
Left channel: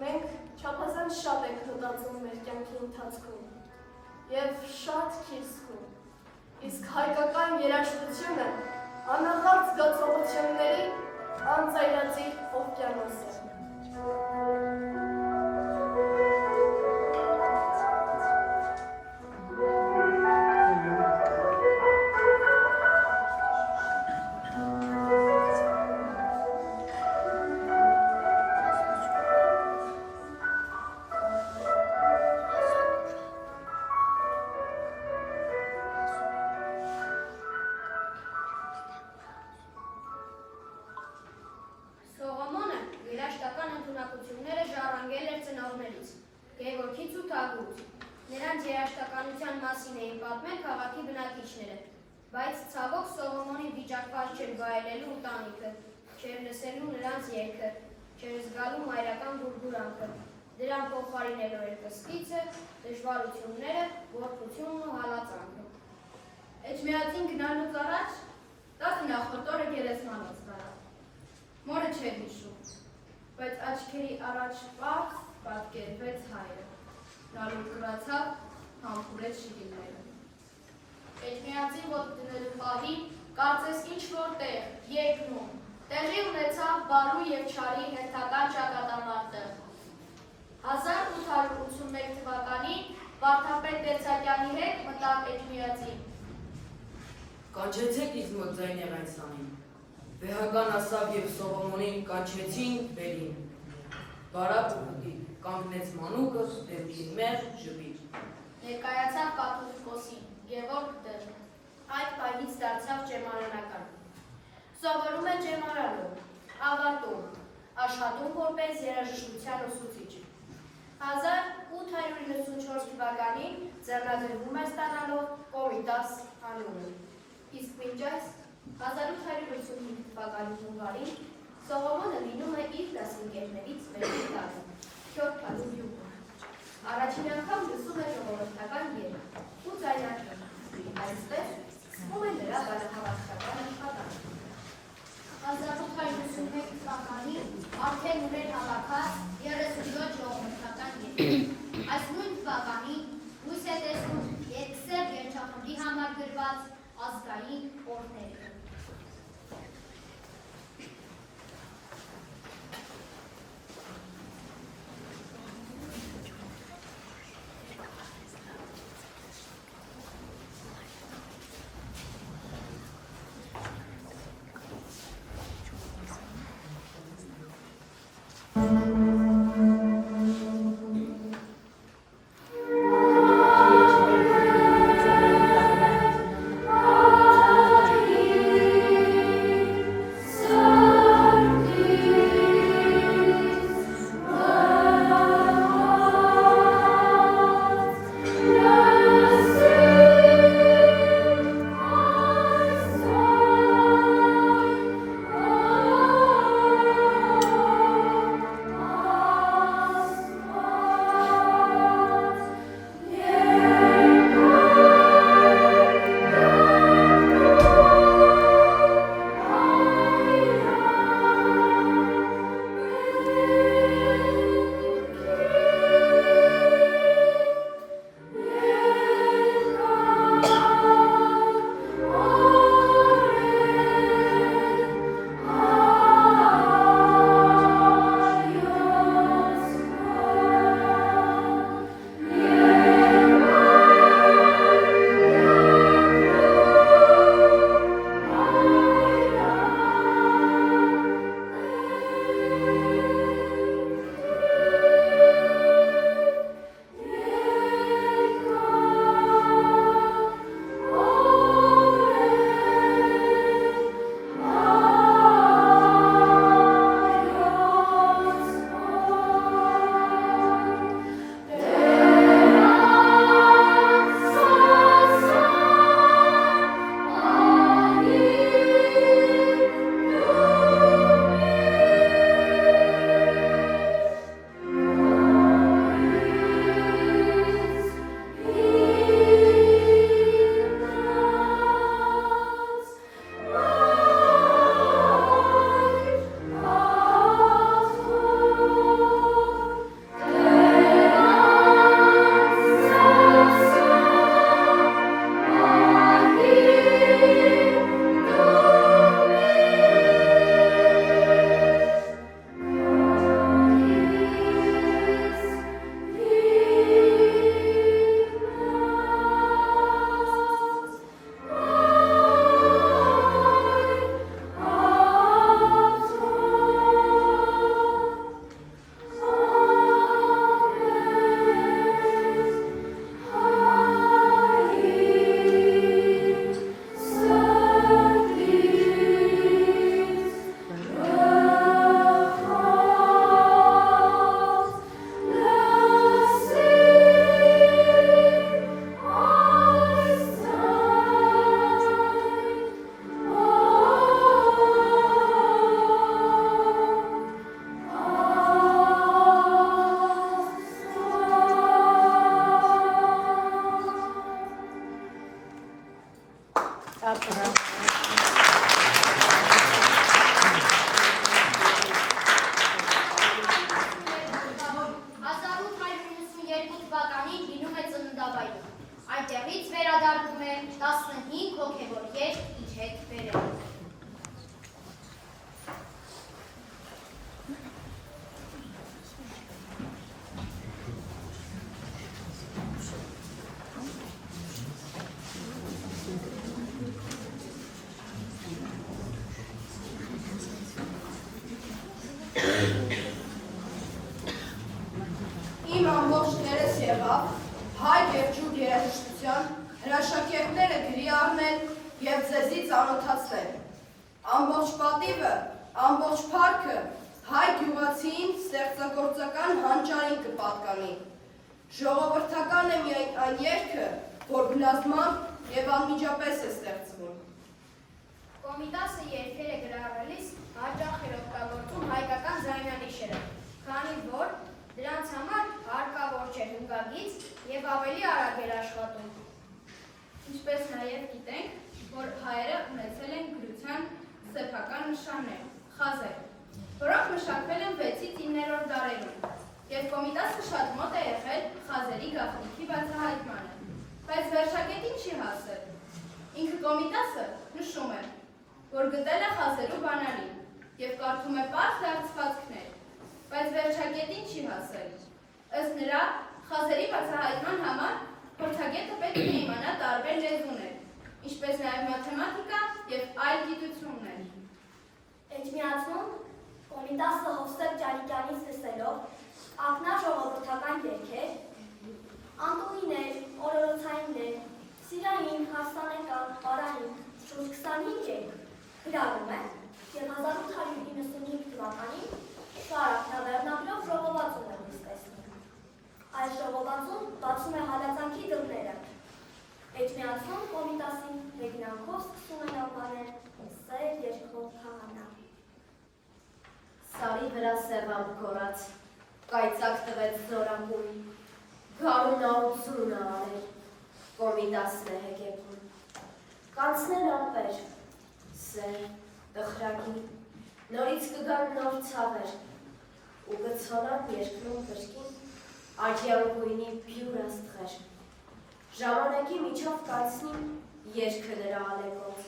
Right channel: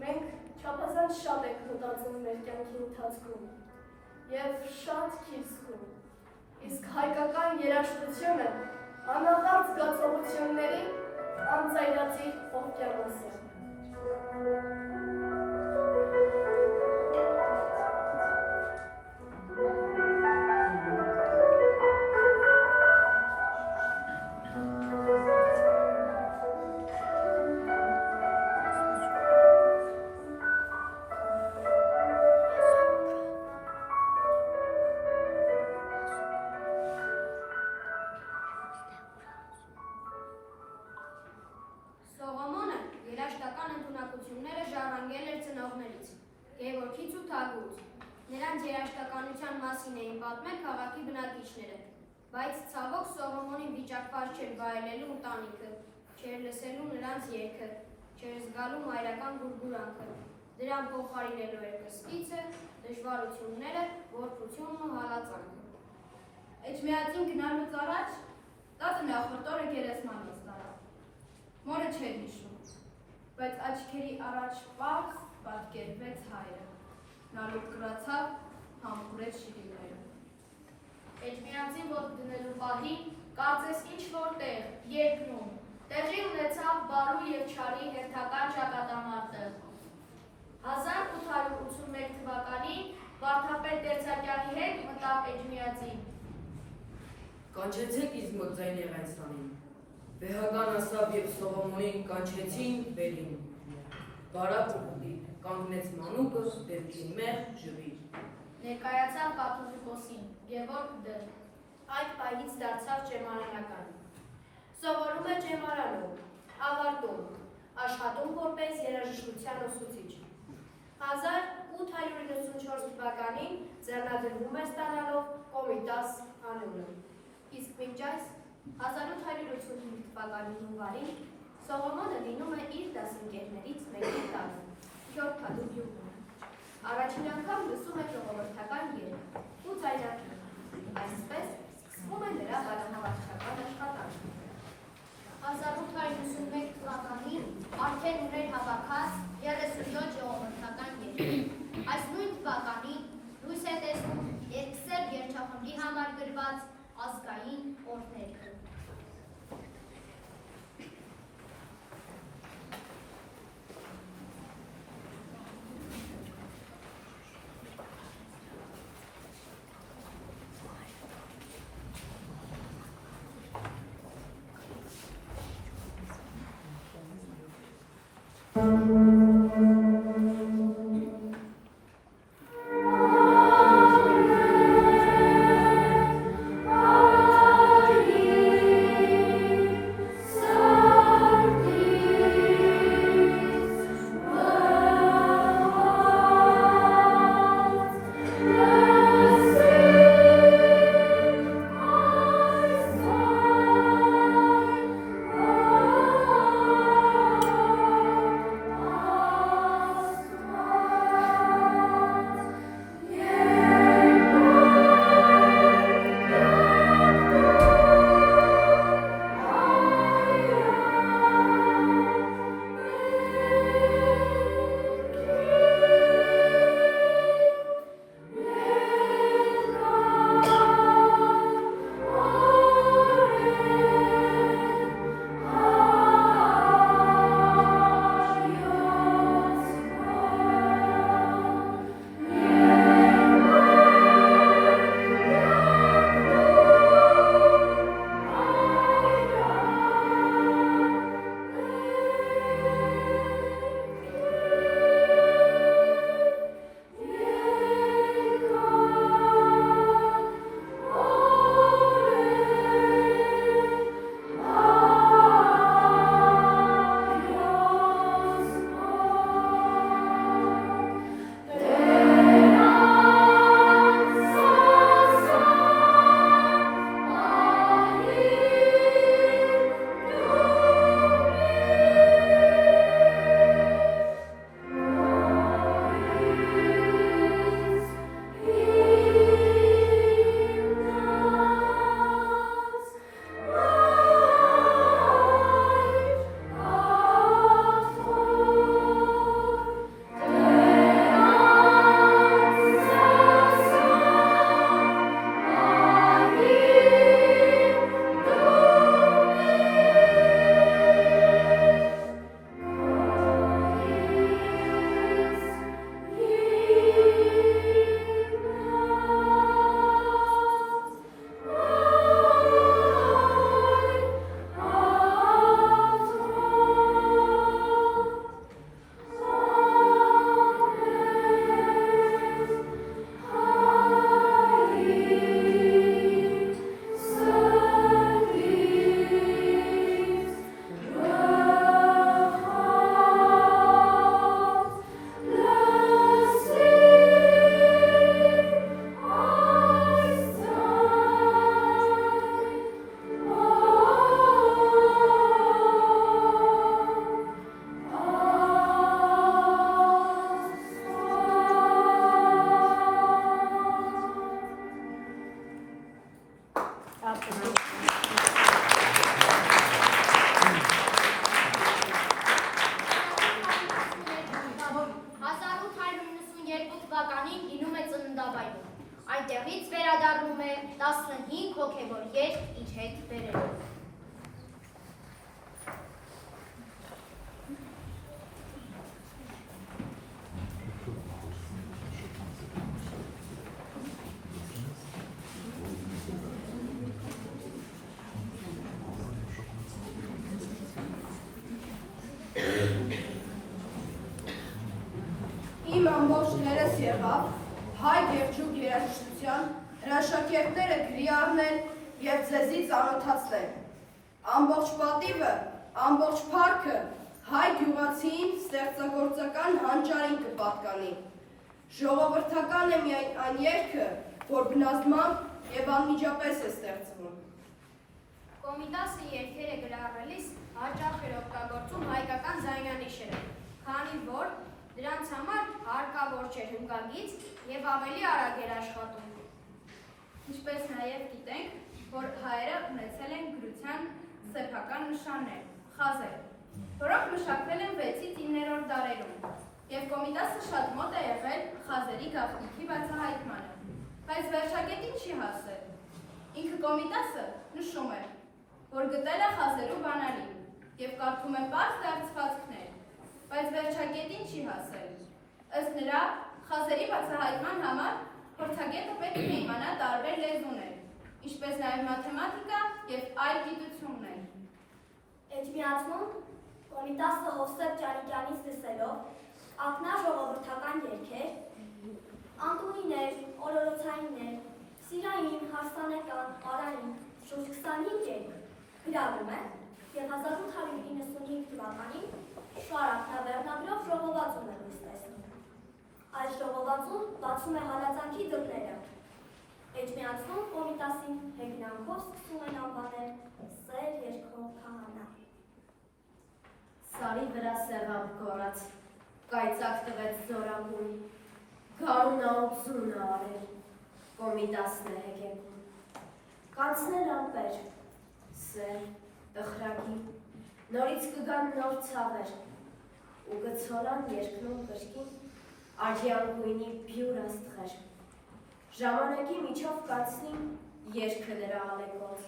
մենք չափազանց շատ ենք մտածում մեր կյանքի ընթացքում և շատ քիչ զգում, իսկ հայկական երաժշտությունը անաղարտ զգացողությունների անծայրածիր օվկիանոս է։ Սողոմոնը երաժշտական ընդունակությունները ժառանգել էր ծնողներից, Գևորգից ու Թագուց։ Նրանց երաժշտականության մասին էին պատմել քաղաքի բնակիչները, բայց ցավոք Սողոմոնին վիճակված չէր վայելելու ընտանիքը, չէր լսելու նրանց երգը, չէր զգալու մայրական գուրգուրանքը։ Դրան փոխարինելու էր կսկիցը, դժվարությունները, գործությունն ու հալածանքը։ Էջմիածին գնալուց առաջ 10 նախորդ օրը գերեզմանոց տարավ։ Մորը չէր հիշում, բայց աչքերի առաջ պարզ պատկերվեց հայը։ Նա լուր կրացավ, համբուրեց շիվիլները։ Էջմիածին ոտք դնելու պահին կարծես ինչ-որ տեղ երկնում, տեղի ունեցավ բարու և չարի հերթական ճակատամարտը։ 1881 թվականին Վարդապետ Բերձակյանի հետ մտավ Էջմիածին։ Կանչեցեք ինձ մոտ Զայնեղենցանին։ Վեհական ասավ և Սողոմոնին կանչեցին վերին։ Բարակ ու պտիկ կանգնեց մանուկը դեպքին մեր ժպիտ։ Ներկայացավ կաթոլիկոսին, Գևորգ Դ. Այդ պահից դարձավ ջեմարանական։ Սովորում է ջեմարանում, ավարտում, աշխատում որպես երաժշտության ուսուցիչ։ 1894 թվականին ձեռնադրվում է ստանալով Կոմիտաս անունը։ Իսկ մինչ այս 1885 թվականի հունվարին Սողոմոնը լինում է իր դասընկերներից մեկի տանը, Քյորքալու գյուղում։ Առաջին անգամ լսում է ժողովրդական երգ ու ձայնարկել։ Այսպես սկսվում է նրա բանահավաքական աշխատանքը։ 1881 թվականին արդեն ուներ հավաքած 37 ժողովրդական երգ։ Այս նույն թվականին լույս է տեսնում երկսեռ երգչախմբի համար գրված ազգային օրհներգը։ թվականին լինում է ծննդավայրում։ Այդտեղից վերադառնում է 15 հոգևոր երգ իր հետ բերելով։ Իմ ամբողջներս եղավ հայ գերջուկ երաժշտության հրաշակերտները գրի առնել և ձեզի ծանոթացնել։ Ամբողջ պատիվը, ամբողջ փառքը հայ գյուղացիին ստեղծագործական հանճարին կպատկանի։ Ժողովրդական է միայն այն երգը, որ բնազմամբ և անմիջապես է ստեղծվում։ Կոմիտասը երգերը գրառելիս հաճախ էր օգտագործում հայկական ձայնանիշերը, քանի որ դրանց համար հարկավոր չէր հնգագիծ և ավելի արագ էր աշխատում։ Ինչպես նաև գիտենք, որ հայերը ունեցել են գրության սեփական նշաններ, խազեր, որոնք մշակվել են 6-ից 9-րդ դարերում, և Կոմիտասը շատ մոտ է եղել խազերի գաղտնիքի բացահայտմանը, բայց վերջակետին չի հասել։ Ինքը Կոմիտասը նշում է, որ գտել է խազերու բանալի և կարդում է պարզ դարձվածքներ, բայց վերջակետին չի հասել։ Ըստ նրա, խազերի բացահայտման համար փորձագետը պետք է իմանա տարբեր լեզուներ, ինչպես նաև մաթեմատիկա և այլ գիտություններ։ Էջմիածնում Կոմիտասը Հովսեփ Ջալիկյանից լսելով ակնա ժողովրդական երգեր, անդուհիներ, օրորոցայիններ, սիրային, հարսանեկան, պարային, շուրջ 25 երգ գրառում է և 1895 թվականին Շարակ նավերնագրով ժողովածուն է լույս տեսնում։ Այս ժողովածուն բացում է հալածանքի դռները։ Էջմիածնում Կոմիտասին հեգնանքով սկսում են անվանել սեր երգող քահանա։ Սարի վրա սևամբ կորած, կայծակ տվեց զորակուն, գարունա ուսունը արել, Կոմիտասն է հեգեկուն։ Կանցնել ամպեր, սեր, տխրագի, նորից կգան նոր ցավեր, ու գցոնան երկնում կրկին, աջյան գույնի բյուր աստղեր։ Ժամանակի միջով կանցնին երգը նրա ալեկոց,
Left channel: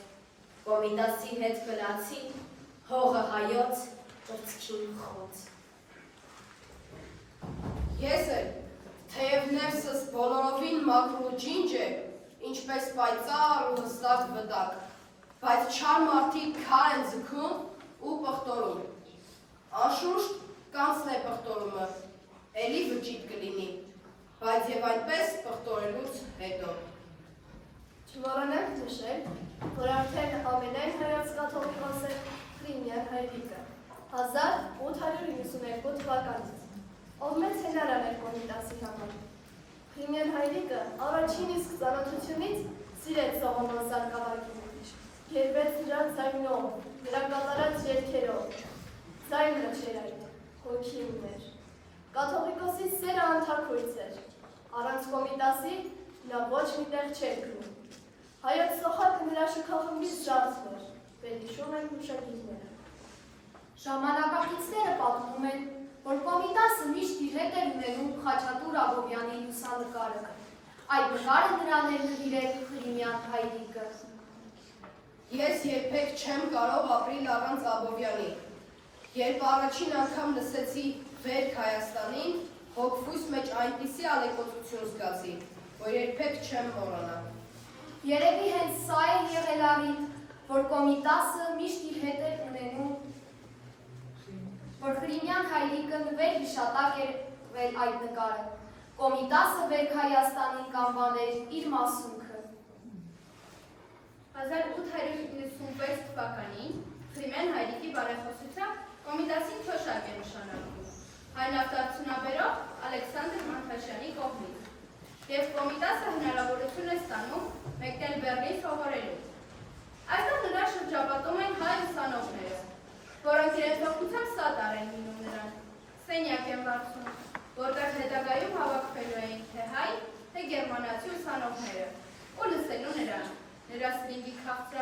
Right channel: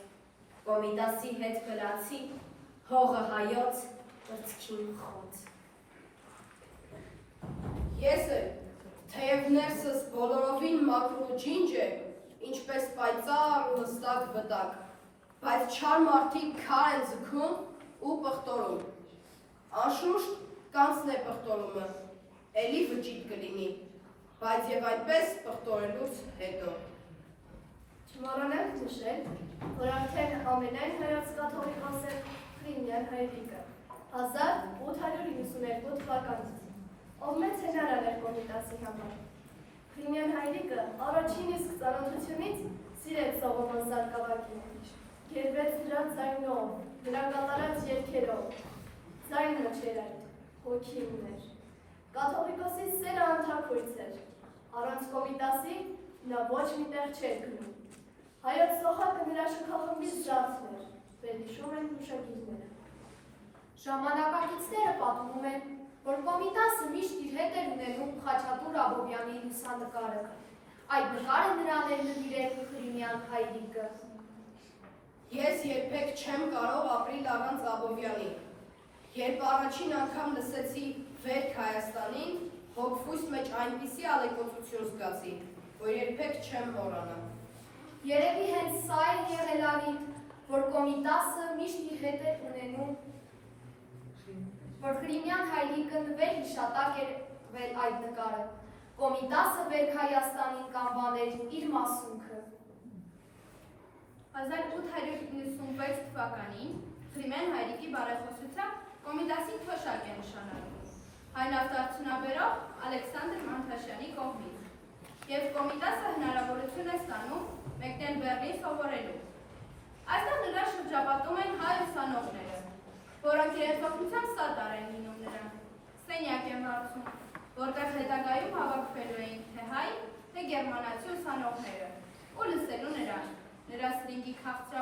Կոմիտասի հետ գլացի, հողը հայոց, ուրցքին խոց։ Ես էլ, թեև ներսս բոլորովին մաքրու ջինջ է, ինչպես պայծառ ու հստակ վտակ, բայց չար մարդիկ քար են ձգում ու պղտորում։ Անշուշտ կանցն է պղտորումը, էլի վճիտ կլինի, բայց և այնպես պղտորելուց հետո։ Չմոռանանք նշել, որ արդեն ամենայն հայոց կաթողիկոս է Ֆրիմյան Հայրիկը 1892 թվականից, ով մեծ հնարան էր Կոմիտասի համար։ Ֆրիմյան Հայրիկը առաջին իսկ ծանոթությունից սիրեց Սողոմոն Սարգսակյանին, երբեց նրա ձայնով, նրա կատարած երգերով, ձայնը չէր այդ, հոգի ուներ։ Կաթողիկոսի սերը անթաքույց էր, առանց Կոմիտասի նա ոչ մի տեղ չէր գնում։ Հայոց սոխակը նրա շքախմբից շարժն էր, վերհիշում են հուշագիրները։ Ժամանակակիցները պատմում են, որ Կոմիտասը միշտ իր հետ էր ունենում Խաչատուր Աբովյանի լուսանկարը։ Այդ նկարը նրան էր նվիրել Ֆրիմյան Հայրիկը։ Ես երբեք չեմ կարող ապրիլ առանց Աբովյանի։ Երբ առաջին անգամ լսեցի վերք Հայաստանին, հոգուս մեջ այնպիսի ալեկոծություն զգացի, որ երբեք չեմ մոռանա։ Երևի հենց սա է եղել արին, որ Կոմիտասը միշտ իր հետ էր ունենում, որ Ֆրիմյան Հայրիկը նվեր հիշատակ էր վել այդ նկարը։ Կոմիտասը վերք Հայաստանին կանվաներ իր մասունքը։ 1896 թվականին Ֆրիմյան Հայրիկի բարեխոսությամբ Կոմիտասին թոշակ է նշանակվում հայ նավթարդյունաբերող Ալեքսանդր Մանթաշյանի կողմից, և Կոմիտասը հնարավորություն է ստանում մեկնել Բեռլին սովորելու։ Այստեղ նրա շրջապատում են հայ ուսանողները, որոնք իրենց օգնությամբ սատար են լինում նրան, սենյակ են վարձում, որտեղ հետագայում հավաքվելու էին թե հայ, թե գերմանացի ուսանողները, ու լսելու նրան, նրա սրինգի քաղցրավուն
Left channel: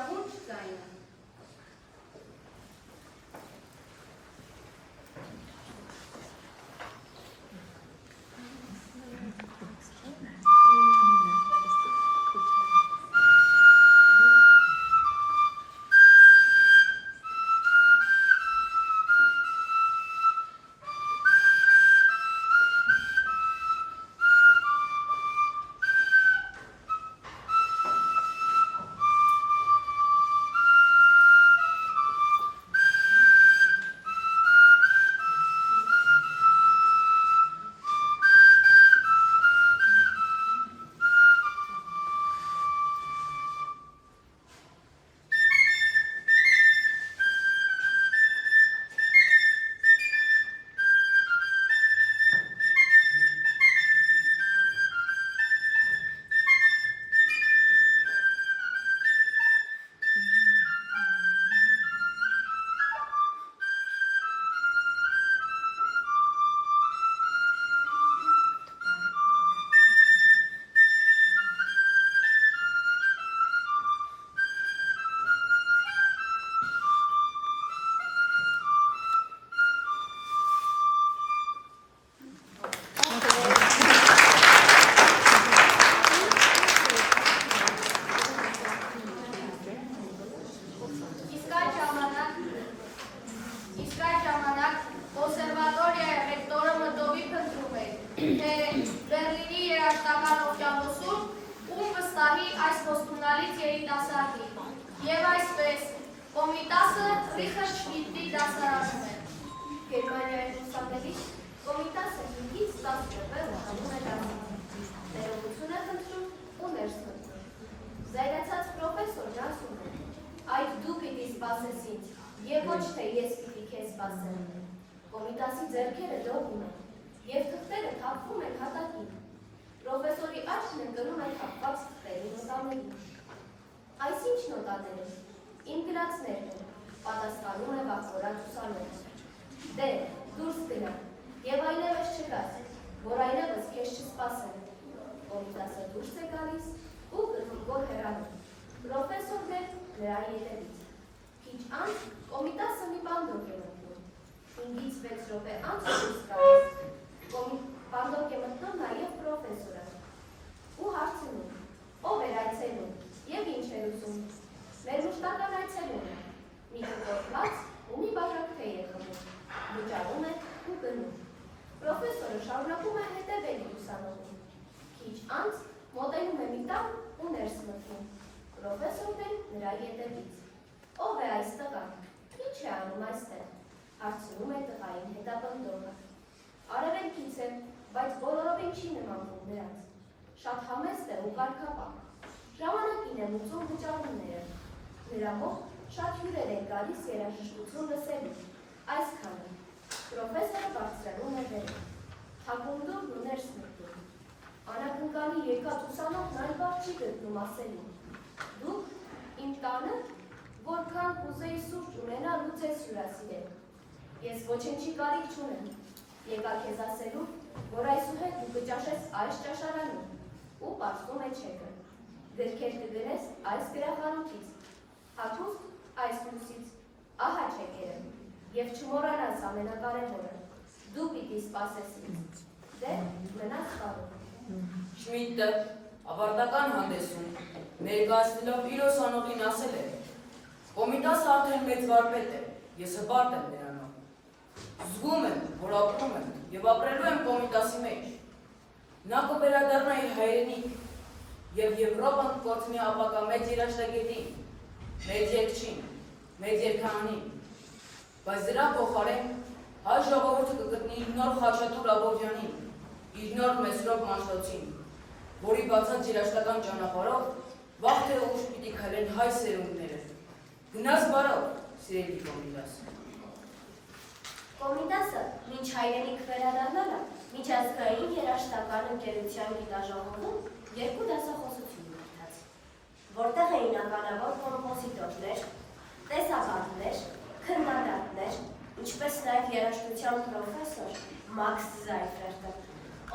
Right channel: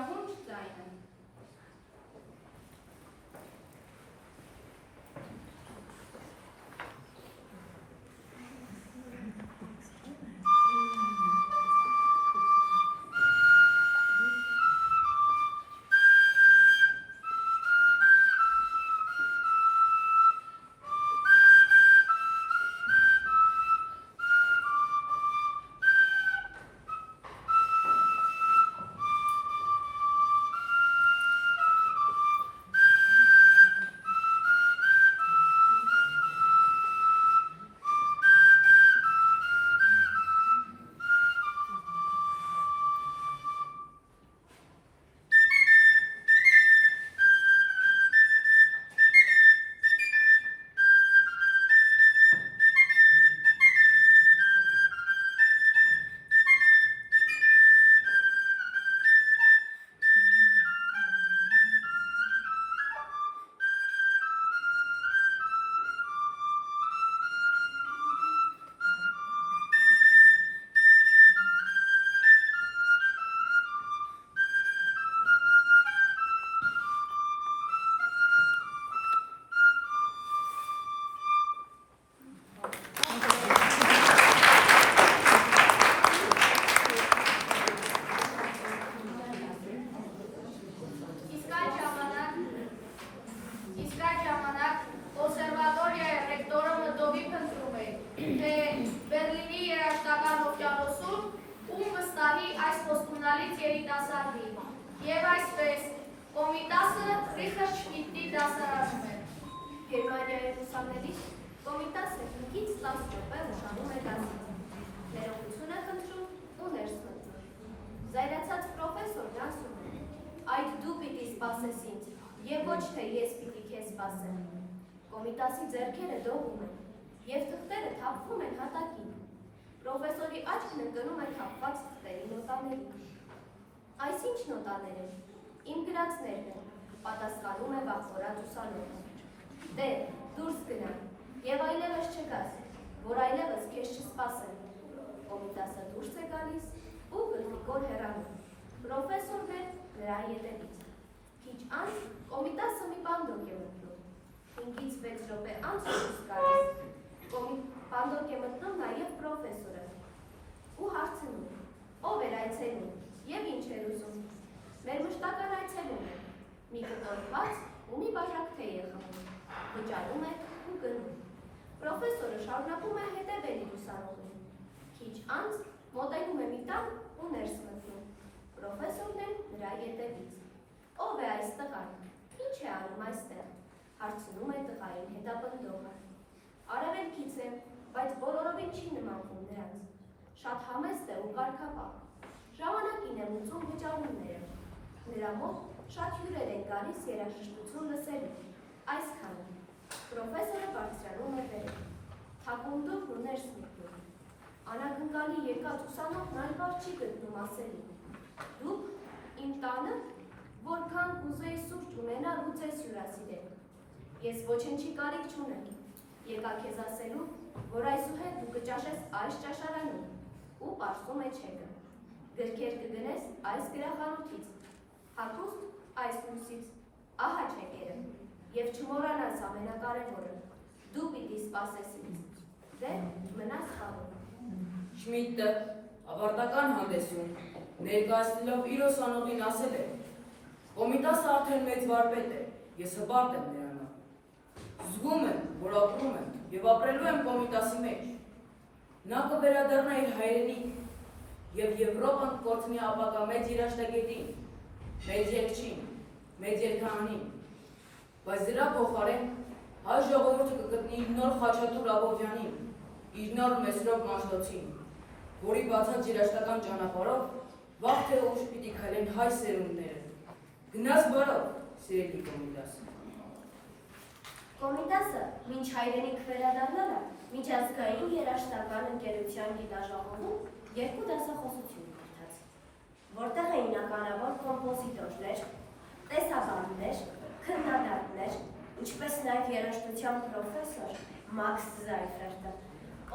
երիտասարդի։ Եվ այսպես, Կոմիտասը ծիխը չպիտի դասարանում է։ Գերմանիայի ուսանելի Կոմիտասը 5-ից 10 րոպե ուշանում է դասից։ Ներողություն է խնդրում ու ներս մտնում։ Զայրացած պրոֆեսորն ասում է. «Այդ դու պիտի սպասես ինձ, եւ ոչ թե ես պիտի քեզ սպասեմ»։ Կոմիտասի ձեռքերը դողում են, եւ թղթերը թափվում են հատակին։ Պրոֆեսորի աչքն ընկնում է թափված թղթերի նոտաներին։ Այս ի՞նչ նոտաներ են։ Իմ գրածներն են, պատասխանում է վախվորած ուսանողը։ Դե, դուրս գնա, եւ այլևս չգաս, որ այլևս քեզ չսպասեն։ Կոմիտասը դուրս է գալիս ու գլխիկոր հեռանում։ Պրոֆեսորն է նրա ետևից։ Քիչ անց Կոմիտասը մի բանդոկ է մտնում։ 5-ից 6 րոպե անց դուրս գալիս։ Բանդոկ է մտնում նաեւ պրոֆեսորը։ Ու հարցնում. ով էր այցելում եւ ինչ էր ուզում։ Մեր մշտական այցելուն է։ Մի կտորված ու մի բաժակ թեյ է խմում։ Վճարում է ու գնում։ Պրոֆեսորը շարունակում է հետևել ուսանողին։ Քիչ անց մոտենում է մի տան ու ներս մտնում։ Պրոֆեսորն է նրա ետևից։ Ով է այս տղան։ Ինչ է անում այստեղ։ Հարցնում է տղային հետապնդողը։ Արևելքից է, բայց բոլորովին չի նմանվում նրանց։ Շատ համեստ է ու կարգապահ։ Ժամանակին եմ ուծում վճարումները։ Նրա մոտ շատ հյուրեր են գալիս երաժշտություն լսելու։ Այսքանը։ Պրոֆեսորը բարձրանում է վերև։ Թակունդով ու ներս մտնում։ Անակնկալի եկած ուսանողն այն բառ չի գտնում ասելու։ Դուք իմ տանը որքան կուզեի սուրճ ունենալ ու ձեզ հյուրասիրել։ Ես ոչնչի կարիք չունեմ։ Եկա քեզ ասելու, որ այսուհետ դու կճաշես այս ճաշարանում ու պարզվում է չեկը։ Գրքեր կգնես այս գրախանութից, հագուստ այս լույսից, ահա չեկերը, եւ չմոռանաս ամենակարևորը, դու պիտի սպասես ինձ, դե մնաս պարում։ Շմիդտը ավարտական հանդեսում ներկայացնելով իր ուսանողին ասել է. Կոմիտասը արդեն մեծ վարպետ է, ես հպարտ եմ նրանով։ Զգում եմ, որ ապրում եմ եւ ապրելու եմ Կոմիտասի մեջ։ Նա կվերադառնա իր հայրենիք եւ Եվրոպան կորցնի ապակա մեծ երաշտագետին, մեծ երգչին, մեծ երգահանին։ Բայց դրա փոխարեն հայ ժողովուրդը կգտնի իր նոր Խաչատուր Աբովյանին, իր նոր Մեսրոպ Մանշտոցին, որի բացած երաշտական ճանապարհով վաղ թե ուշ պիտի քայլեն հայ սերունդները։ Գնաս բարով, սիրելի Կոմիտաս։ Կոմիտասը մինչ հայրենիք վերադառնալը միջազգային երաժշտական ընկերության գիտաժողովում 2 դասախոսություն կարդաց, որտեղ էին ականավոր կոմպոզիտորներ, տեսաբաններ, քննադատներ, ինչպես նաև երաժշտության պրոֆեսոր Մաքս Զայֆերտը,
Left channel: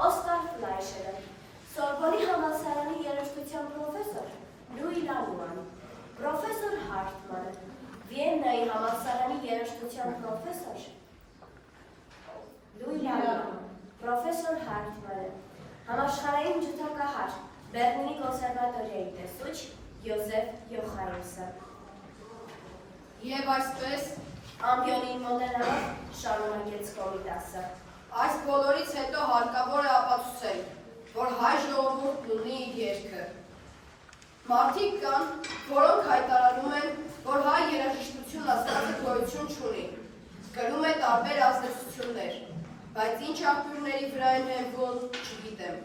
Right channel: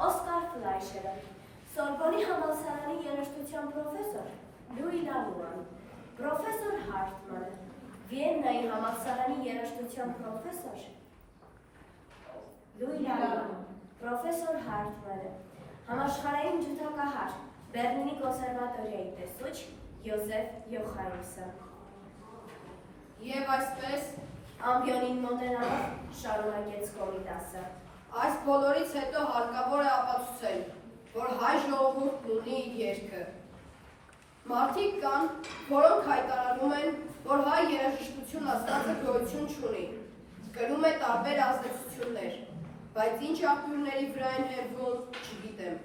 Օսկար Ֆլայշերը, Սորբոնի համալսարանի երաժշտության պրոֆեսոր Լուի Լանուան, պրոֆեսոր Հարթմանը, Վիեննայի համալսարանի երաժշտության պրոֆեսոր Լուի Լանուան, պրոֆեսոր Հարթմանը, համաշխարհային ջութակահար, Բեռլինի կոնսերվատորիայի տեսուչ Յոզեֆ Յոխայմսը։ Եվ այսպես Ամբիոնին մոտենալով շարունակեց Կոմիտասը։ այս բոլորից հետո հարկավոր է ապացուցել, որ հայ ժողովուրդն ունի իր երգը։ Մարդիկ կան, որոնք հայտարարում են, որ հայ երաժշտություն ասվածը գոյություն չունի, կրում է տարբեր ազդեցություններ, բայց ինչ աղբյուրների վրա են հենվում, չգիտեմ։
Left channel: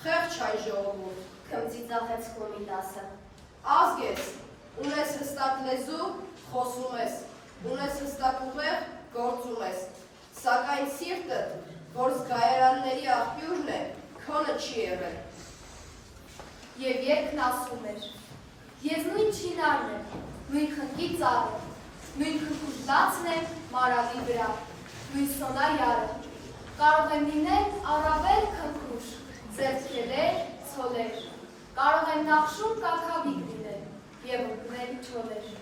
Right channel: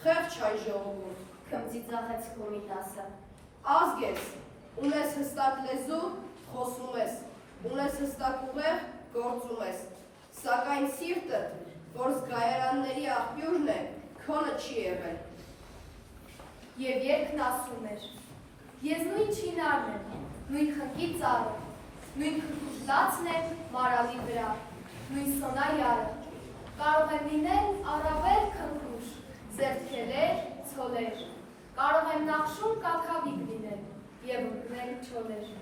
Խեղճ հայ ժողովուրդ, Քմծիծաղեց Կոմիտասը։ ազգ ես, ունես հստակ լեզու, խոսում ես, ունես հստակ ուղեղ, գործում ես, սակայն սիրտդ, որ զգայարանների աղբյուրն է, քոնը չի եղել։ Եվ երգն ասում էր. Ես նույն չինարն եմ, նույն խնկի ծառը, նույն քրքուժլացն եմ մարալի վրա, նույն սոնայարը, կարող եմ լինել առավել քրքուժ, ձերքելեր, ցոլեր, կարող եմ նախշում կաքավիկ լինել և ընկնել չոլեր։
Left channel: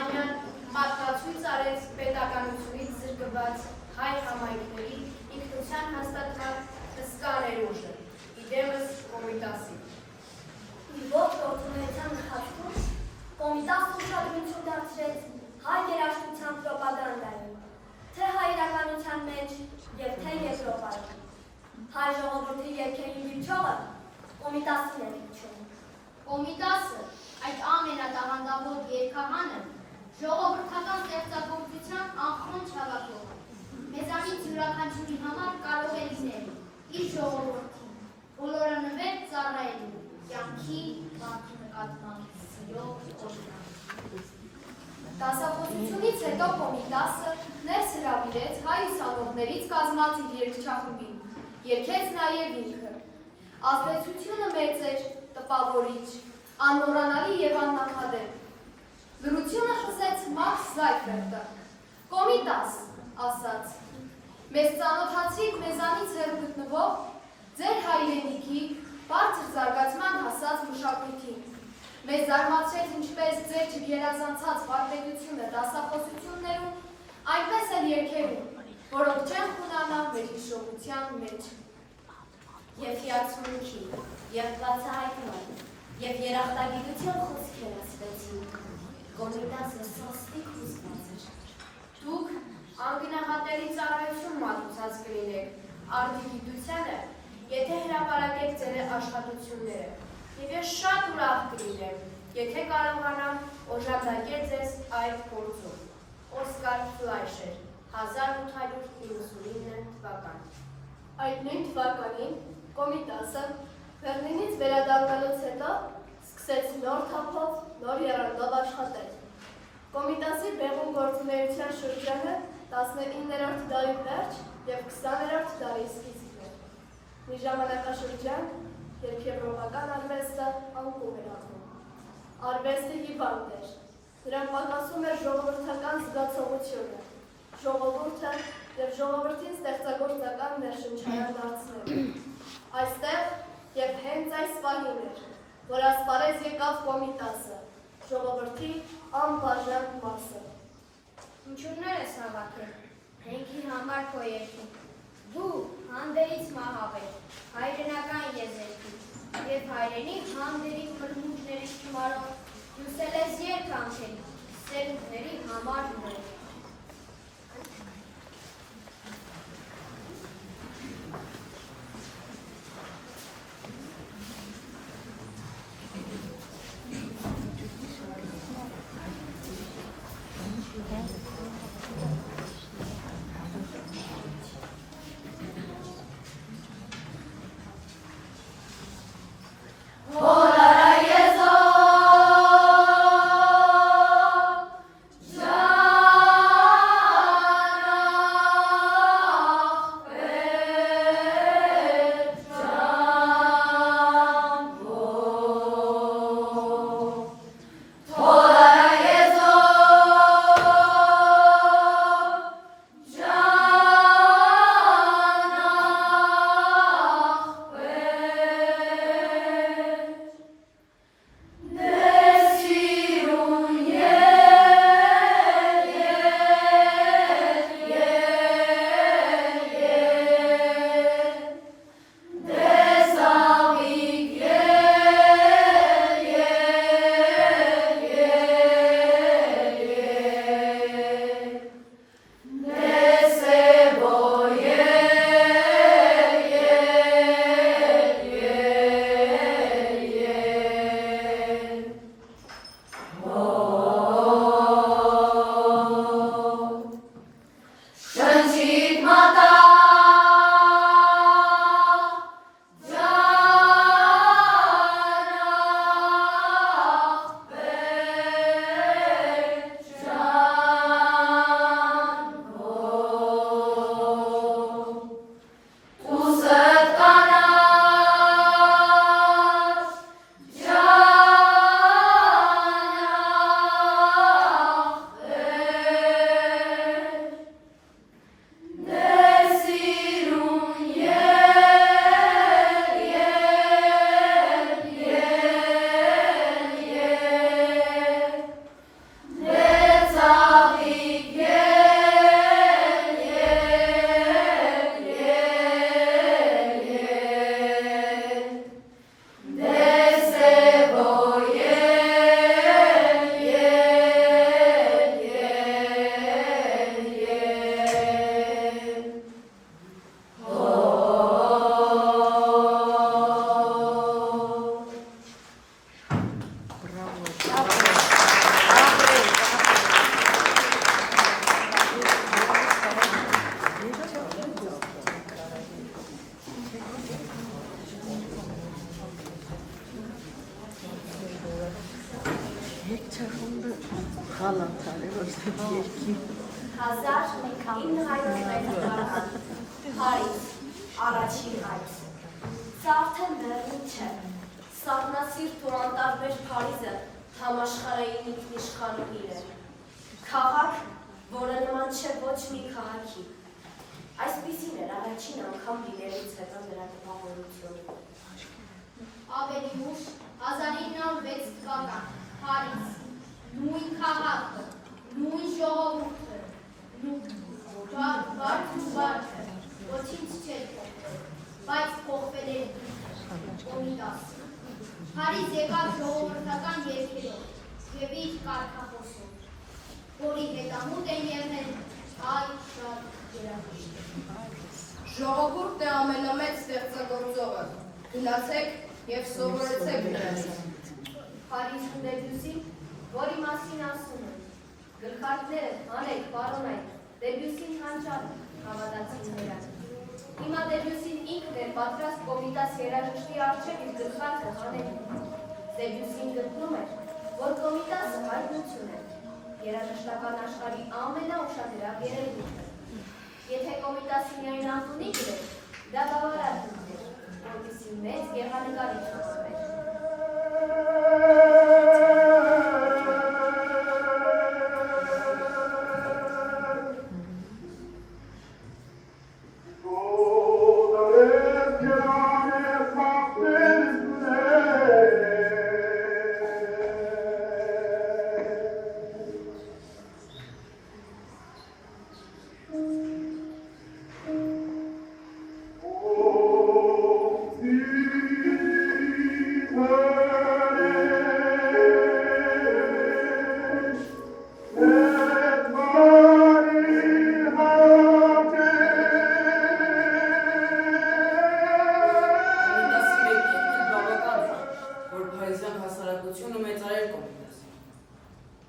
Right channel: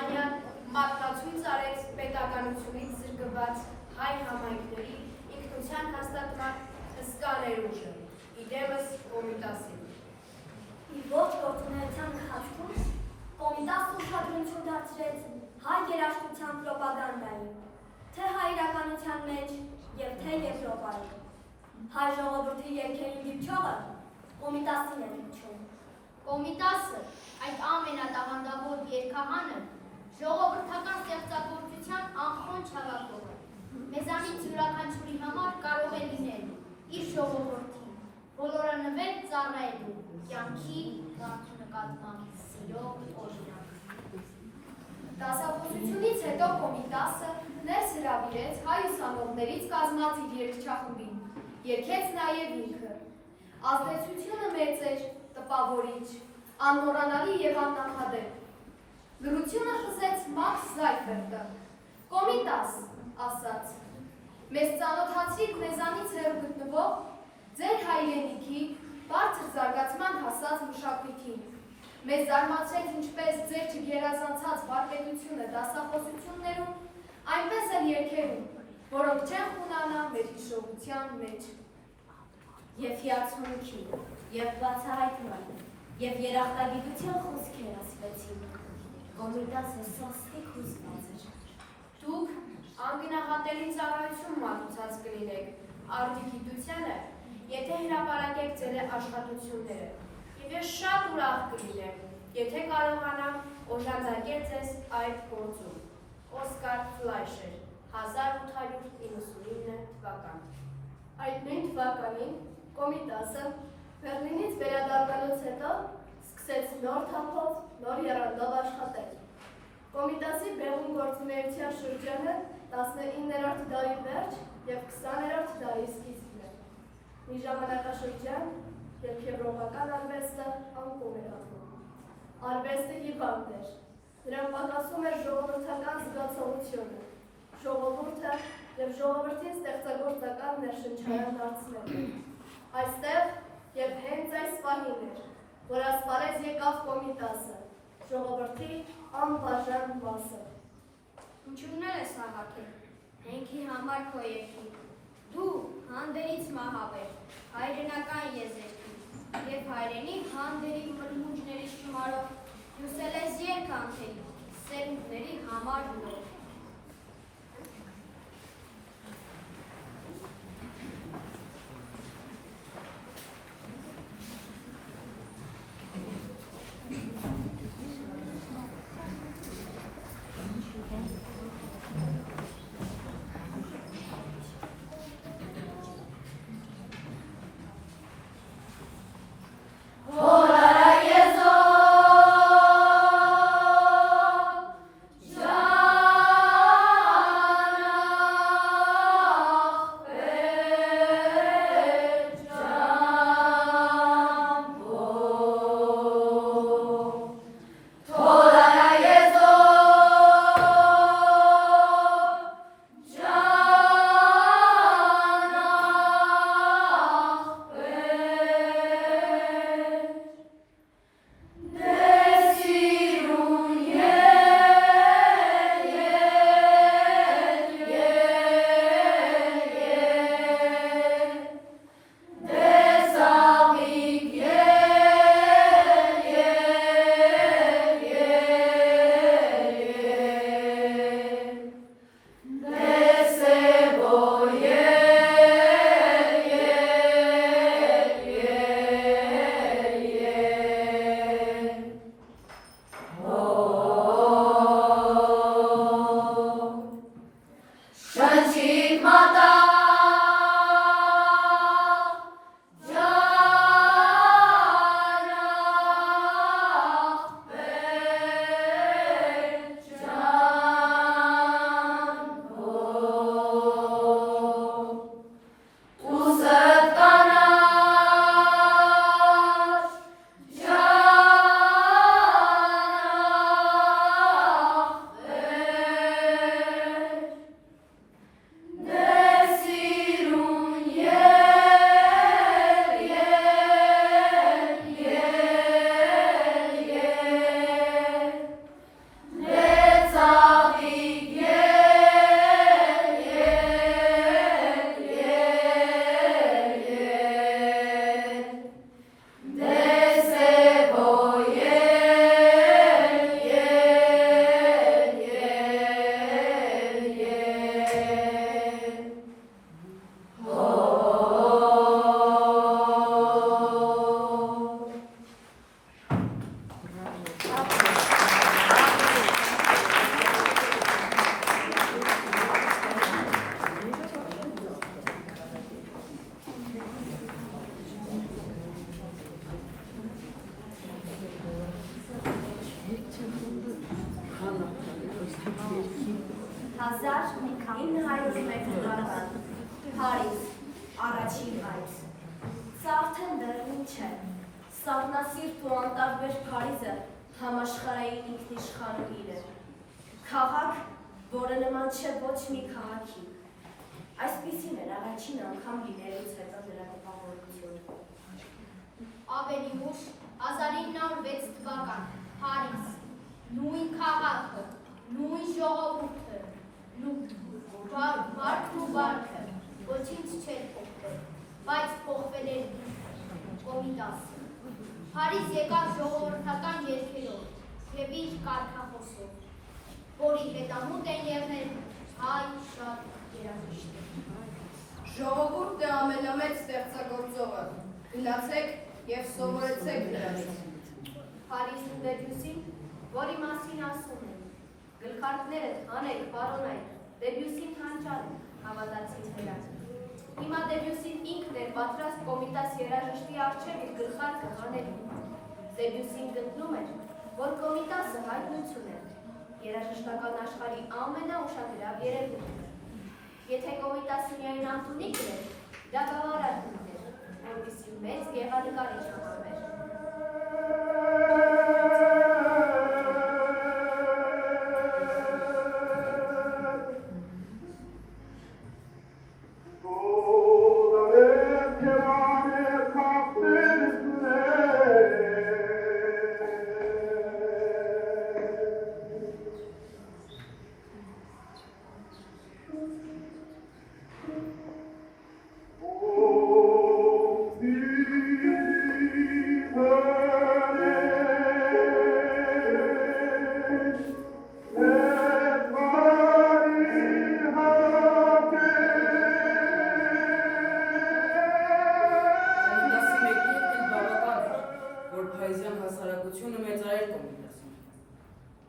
Օսմանյան մատնացույց արեց պետականությունից զրկված հայ համայնքների ինքնության հաստատման հսկա ներուժը, իդեմս Կոմիտասի։ Իր ողջ գործունեության ընթացքում Կոմիտասը ուշադրություն դարձրեց հայ երաժշտության պրոպագանդային, թե հայրականության մեջ և թե Եվրոպայում։ Հայ ժողովրդի երգերի դիպչողը Կոմիտասին է դիպչում։ Կոմիտասը, այդ ամենատաղանդավոր երգահանը, ժողովրդական ստեղծագործության անխոնջ հավաքող է։ Մեզանից յուրաքանչյուրի համար կարող է լինել իր ժողովրդին, բոլորանվեր ծառայելու, կյանքի մարդու նկատմամբ սիրո օրինակ։ Դասախոսությունից հետո Կոմիտասը ներս հրավիրեց հայ ուսանողներից կազմած իր երգչախումբին, երգեց նաև ինքը։ Ազդեցությունը մեծ էր, տպավորիչ, անմոռանալի և աննախադեպ։ Լրությունը խզեց Մաքս Զայֆերտը։ Կոմիտաս, ասաց, մեզ ծանոթացրիք մեզանից հեռու գտնվող ձեր հայրենիքի բարձր զարգացման հասած մշակույթին։ Մեզ զարմացրեց ինչպես ձեր չգերազանցած վարպետությունը դասախոսություններում, այնպես էլ երգերում, որոնք չեն խունանա մեր հիշողության մեջ։ Եվ հիացմունքի, և բացահայտման, և երախտագիտության խոսքեր ասվեցին։ Կոմիտասը սաստիկ հուզված էր։ Դուք անգնահատելի ծառայություն մատուցած կլինեք արդիգիտությանը, եթե հրապարակեք ձեր աշխատությունները, և ես շատ ուրախ կլինեմ, եթե կարողանամ օժանդակել ձեզ այդ գործում։ Օսկար Ֆլայշեր, 1899 թվական։ Այդ նույն թվականին Կոմիտասը Բեռլինից վերադառնալուց հետո սկսեց նոր թափով, նոր եռանդով աշխատել։ Կոմիտասի բեղուն գործունեության շրջանը 19-րդ դարի վերջ և 20-րդ դարի սկիզբն էր։ Մի ժամանակաշրջան, երբ եվրոպական արվեստը անկում էր ապրում։ Արվեստը հիվանդ էր, նրան պակասում էր ժողովրդական զգացողությունը, ժողովուրդը և ժողովրդին ստեղծագործական ներշնչարան դարձնելու։ Այստեղ և հենց այս պահին էր, որ ասպարեզ եկավ Կոմիտասը, ժողովրդի անբաժան մասը։ Ինչուրներ ես հավաքել, հենքի համար քո երկի, դու հանդերից մահավեր, հայրենական եզերքի, և հայրենի հանդերի մրմուջների շմարով, հյուսել ես երկ անքելի, սերունդների համար նոր։ Հորայեզո, թվական, Փարիզ, առաջին այց։ Սա արդեն Բեռլին չէ։ Սառնասիրտ ու անտարբեր Փարիզը համաշխարհային ինքնիշխանուհին է։ Քաղաք, որը նման չէ ոչ մի քաղաքի։ Այսպիսին էր առաջին անգամ լինելուց հետո նրա տպավորություն։ Ավելի ուշ 1906 թվական, Փարիզ, նույն քաղաքը, նույն ժողովուրդը, բարքն ու բարքը, ոչինչ չէր փոխվել, բայց փոխվել էր Կոմիտասը։ Փարիզ եկավ ժողովրդական երգերով և իր կարգախոսով, որի հետամուտ են եղել հայ շատ երաժիշտներ։ Ժողովուրդն է ամենամեծ ստեղծագործողը, գնացեք և սովորեցեք նրանից։ Փարիզն ու Դեբյուսին, որի մասին ասում են, գլխարկները, հանեք, պարոնայք, Դեբյուսին հանճար է, հավատացին նրան։ Հիմա Դեբյուսին ինքն էր պատրաստ Կոմիտաս երաժշտի առջև իր գլխարկը հանելու։ Դեբյուսին գտնում էր, որ Կոմիտասը հայտնություն է, երաժշտական աշխարհի ամենաուշադրավ երևույթը։ Եթե Կոմիտասի միայն Անտունի գրեր, դա բավարար կլիներ, որպեսզի մեծ գեղանկարիչ համարվեր։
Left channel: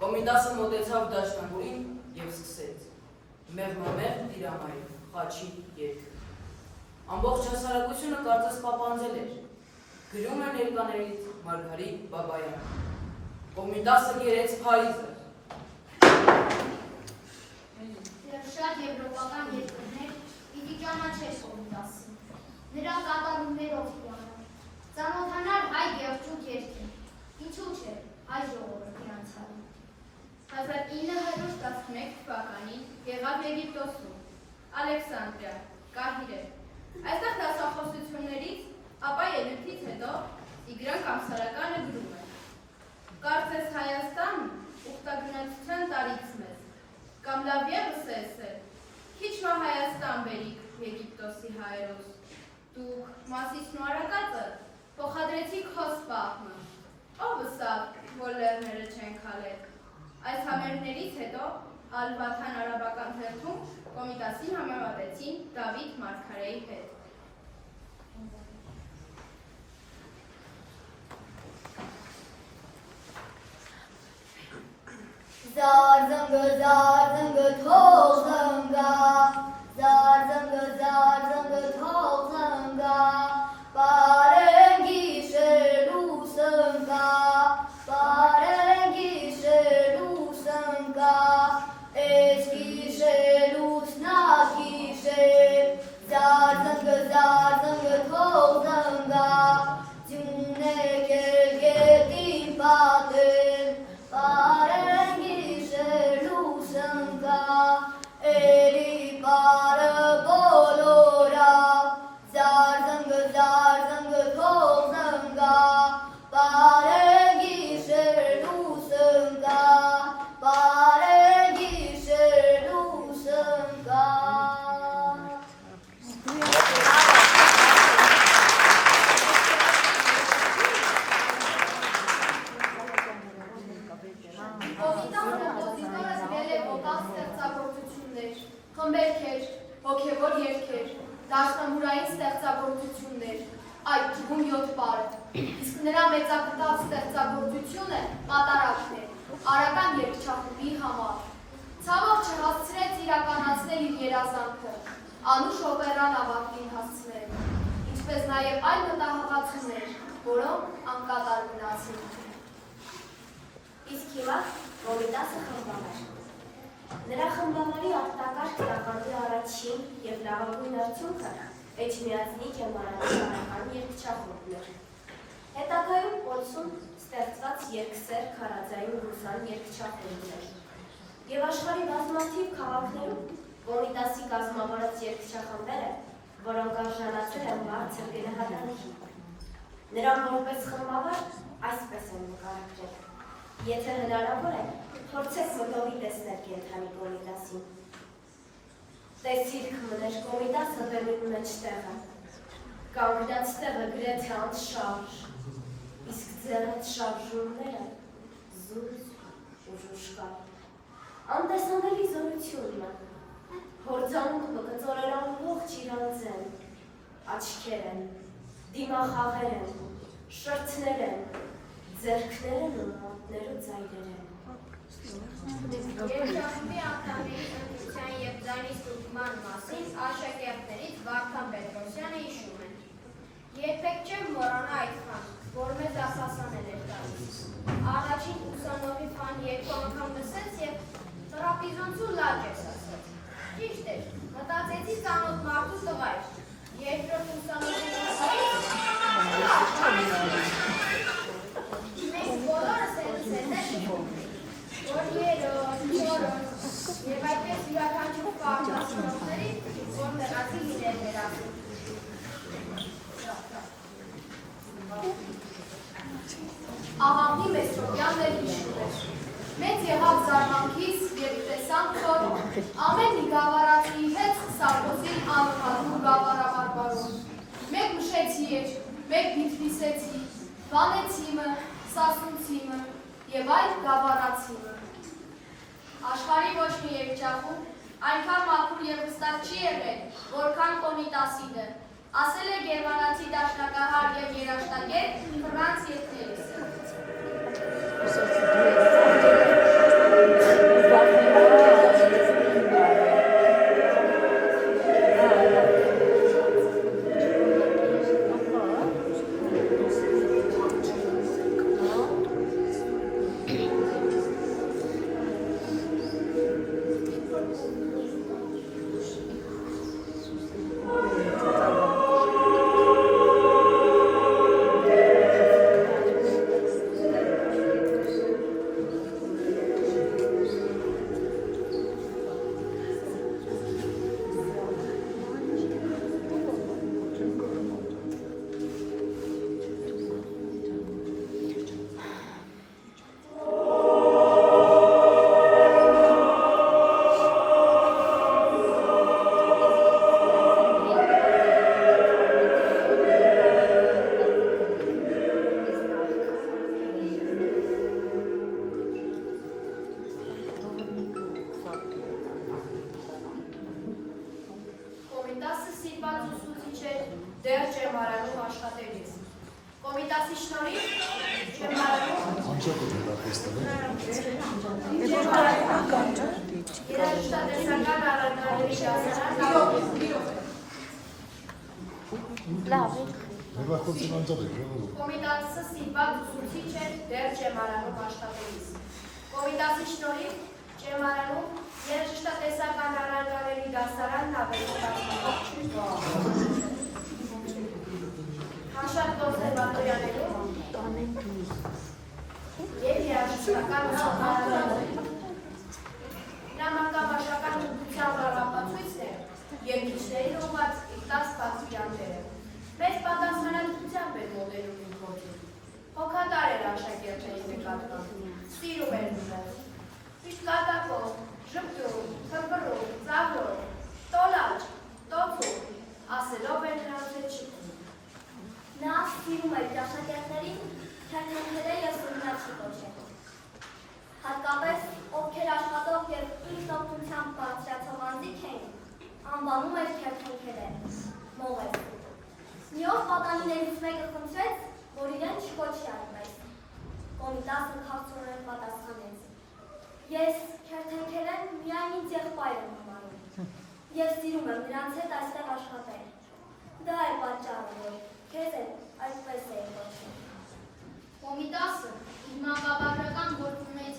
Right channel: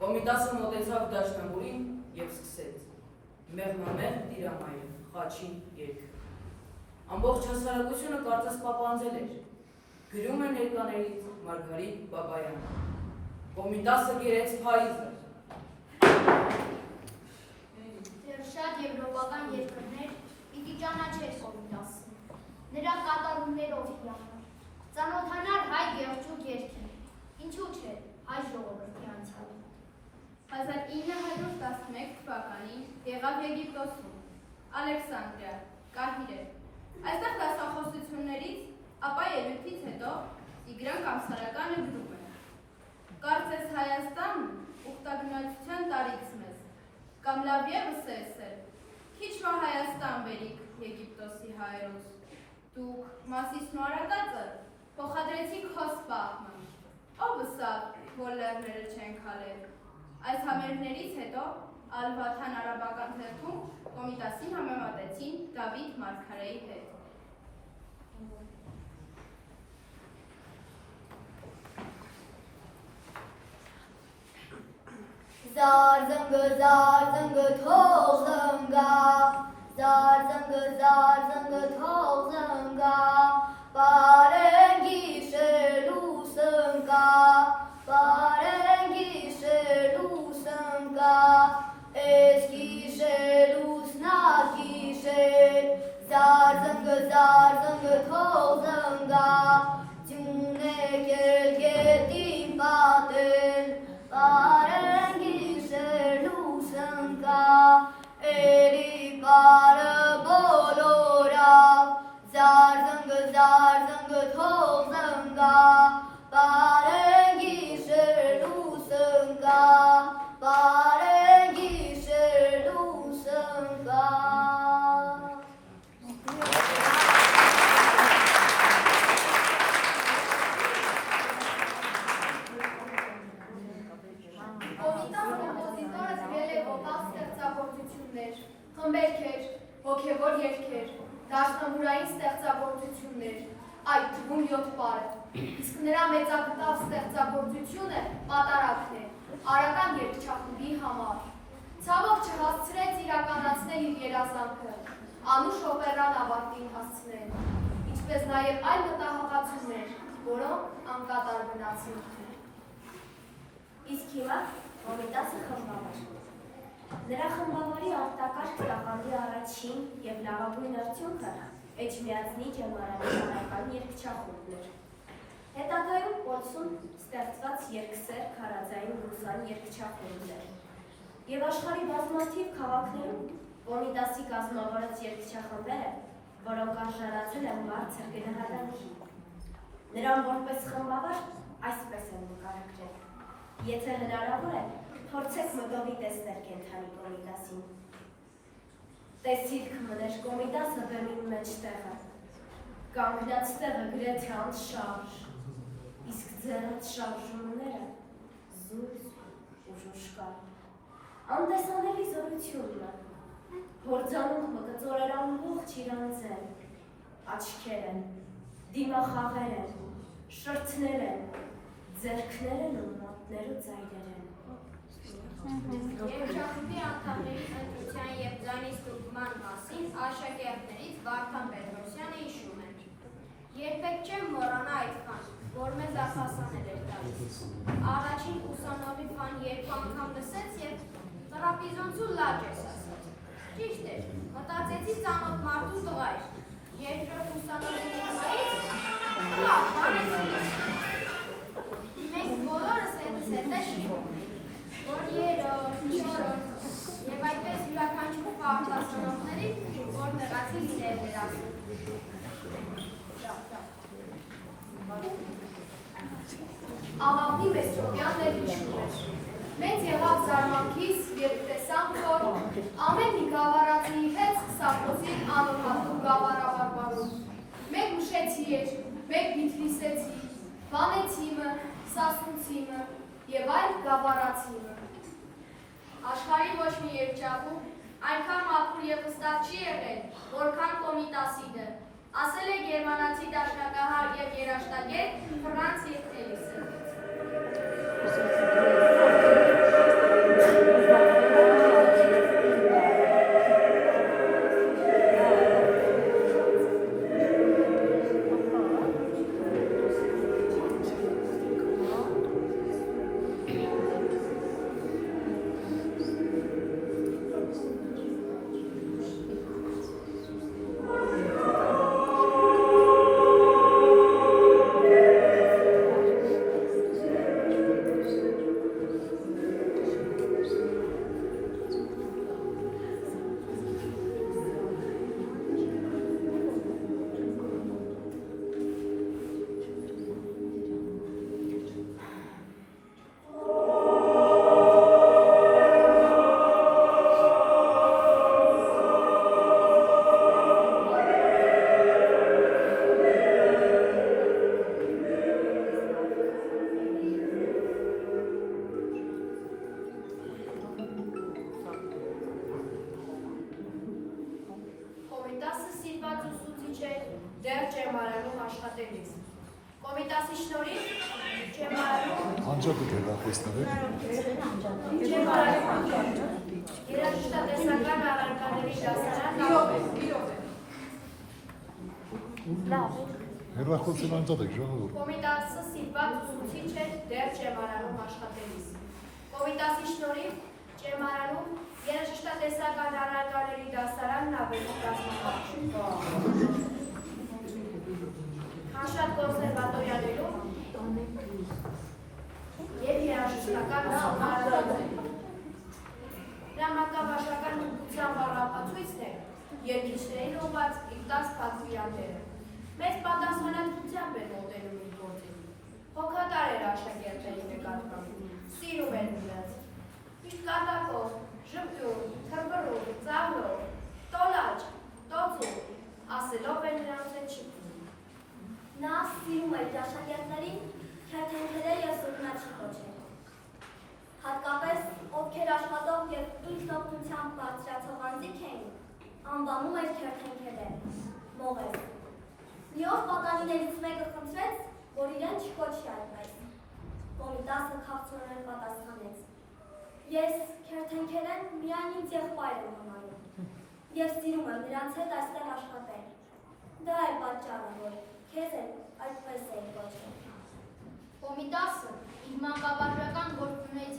Կոմիտասը մոտեցավ դաշնամուրին և սկսեց մեղմամեղ տիրամայր, խաչի երգը։ Ամբողջ հասարակությունը կարծես պապանձել էր, գրում է ներկաներից Մարգարիտ Բաբայանը։ Կոմիտասը գերեց Փարիզը։ Շատ եվրոպական երկրներ պիտի ճանաչեր Կոմիտասը, նրա կատարումներով իրանը, ծանոթանար հայ գեղջուկ երգին, ինչու չէ հայ ժողովրդի անցյալը։ 1911 թվականին եղավ Եգիպտոսում, Ալեքսանդրիա, Կահիրե։ Այստեղ դասախոսություններից, ապա ելույթից հետո Տիգրան Կամսարականը գրում է. Կարծես Հայաստանն ուխտագնացության տարից մեզ, կամ լավ ևս է էսել, քիչ մա Հայաստան բերիք Եգիպտոսի հայերոս, դուք Մասիսն ու Արագածը փոխադրեցիք հոս պահմը, ով վսավ, որ լեռները չեն քալել։ Այս համերգներից հետո Ալ-Վաթան արաբական թերթում Կոմիտասին համեմատեցին Դավիթ Մարգարեի հետ։ Զարձնգը, զարձնգը, թող զնգա, զարձնգը, զարձնգը, թող զնգա, պարեն գիշերու սնգա, պարեն գիշերու սնգա, էս գիշերուց նա գիշեր, զարձնգը, զարձնգը, թող զնգա, ձյուն եկել գետին պատել, պարեն գիշերու սնգա, էլի պարը բոլորավ, զարձնգը թող զնգա, պարեն գիշերու սնգա, պարեն գիշերու սնգա։ Կոմիտաս կոմպոզիտորը գրել է վոկալ ստեղծագործություններ, խմբերքեր, հոգևոր երգեր, դաշնամուրային ստեղծագործություններ, այդ թվում 7 պարը, իսկ նրա մեծակտավ ստեղծագործությունը պատարակն է, արական երգչախմբի համար։ Ցավոք չհասցրեց իրականացնել իր երազանքը, անուշ օպերան ավարտին հասցնել, ինչպես նաև այլ մտահղացումներ, որոնք անկատար մնացին։ Իսկ հիմա Կոմիտասը խմբավար։ Նրա խմբավարի արտակարգ տաղանդի առաջին և լավագույն արդյունքը Էջմիածնի ջեմարանի հարական երկչախումբն էր։ Հետագայում Պոցում ստեղծված երկսեր քարաձային ռուսան երկչախումբն էր։ Եվ աշխարհի բազմաթիվ քաղաքներում Կոմիտասի կազմավորած երկչախմբերը, որոնք արժանացել են բարձր գնահատանքի։ Նրան որպես խմբավար այսպես են նկարագրել. Եթե հնարավոր է, փորձեք մտովի տեսնել կենդանի Կոմիտասին։ Տեսիլք մներ Կոմիտասը բեմին մեջտեղը, կանգնած տեղը գրեթե անշարժ, իսկ ձեռած շարժումները զուր ու ժուշկար։ Անտեսանելի զորությունն է, հորձանունքը կծորեր ամբողջ իրանձեն, աչքեր են, դիմախաղեր են, շրթներ են, ձեռքներ են ու մատներ ու ձայրեր են։ Երկչախումբի անդամների ընտրության և ձայնի ստուգման մասին աշակերտներից Վարդան Պետրոսյանը հիշում են. Երբեք չեմ մոռանա այդ բան, որ մեզ արտասանել էր տալիս։ Առաջին ուսանողի բան երկու անգամ լսեց և տրապիզոնցու լաջ ես ասաց։ Ճիշտ էր, մտածեցի ծանոթ մարդու տղա էր։ Երկրորդ ուսանողի տղայից լավ, մենք բոլորս հետս հետս որ երրորդ, չորրորդ և այդպես յուրաքանչյուր պարտասանողների, որ տեղացի լինել ներասում։ Ահավնի Մեսրոպյանն էլ հիշում էր։ Մեծ եղավ զարմանքից, երբ տեսանք, որ ամեն մի գավառացիի հետ Սարքոսին անընդհատում գավառաբարբարում։ Մեկ մշեցի էր, մեկ Բիթլիսեցի, Վանեցիմը, Սասունցիմը և այլ գավառացիմը։ Աշխարհի ոչ մի երկչախումբ այնքան մաքուր և հստակ չի եղել, որքան Կոմիտասիդը, ասել է գերմանացի դաշնակահար և երաժշտագետ Ֆրանց Եկտելիսը։ Կոմիտասը սիրված ուսուցիչ էր դեռ ջեմարանում աշխատելիս։ Կոմիտասի շնորհիվ ջեմարանում երաժշտատեսական առարկաների դասարան Կոմիտասը սիրված ուսուցիչ էր դեռ ջեմարանում աշխատելիս։ Կոմիտասի շնորհիվ ջեմարանում երաժշտատեսական առարկաների դասարանն ավելի կազմակերպ։ Քանշատ կոնսերվատորիաներում և երաժշտական ուսումնարանում դրամական վարչության ապացույցն էր երգիչներին ուղղված իր 10 պատվիրանները։ Մեծ պատասխանատվությամբ էր մոտենում իր գործին։ Հոգատար էր աշակերտների նկատմամբ, սիրում էր նրանց։ Միշտ կատակով, ժպտում, թմբռում, ծաղրում, տոլաճ, տոփում, ասելով էր նրանց հետ շփվում։ Նա սիրում էր աշակերտներին քերթել և սուրնաչի կոչել։ Հատկապես ովքեր աշխատող և ինքնապունությամբ բարձրացող անձիկ էին, անվանում էր քերթել, մողես։ Մի օր պատանիներից մեկը խնդրեց, որ իրեն չկոչի այդպես։ Կոմիտասը քաղցրորեն պատասխանեց. Ես քերթել միայն ինձ եղբայր եմ համարում և սիրում եմ նրանց հետ այստեղ աշխատել։ Դա է պատճառը, որ քեզ այդպես է կոչել։ Կոմիտասը իր մանկավարժական գործունեության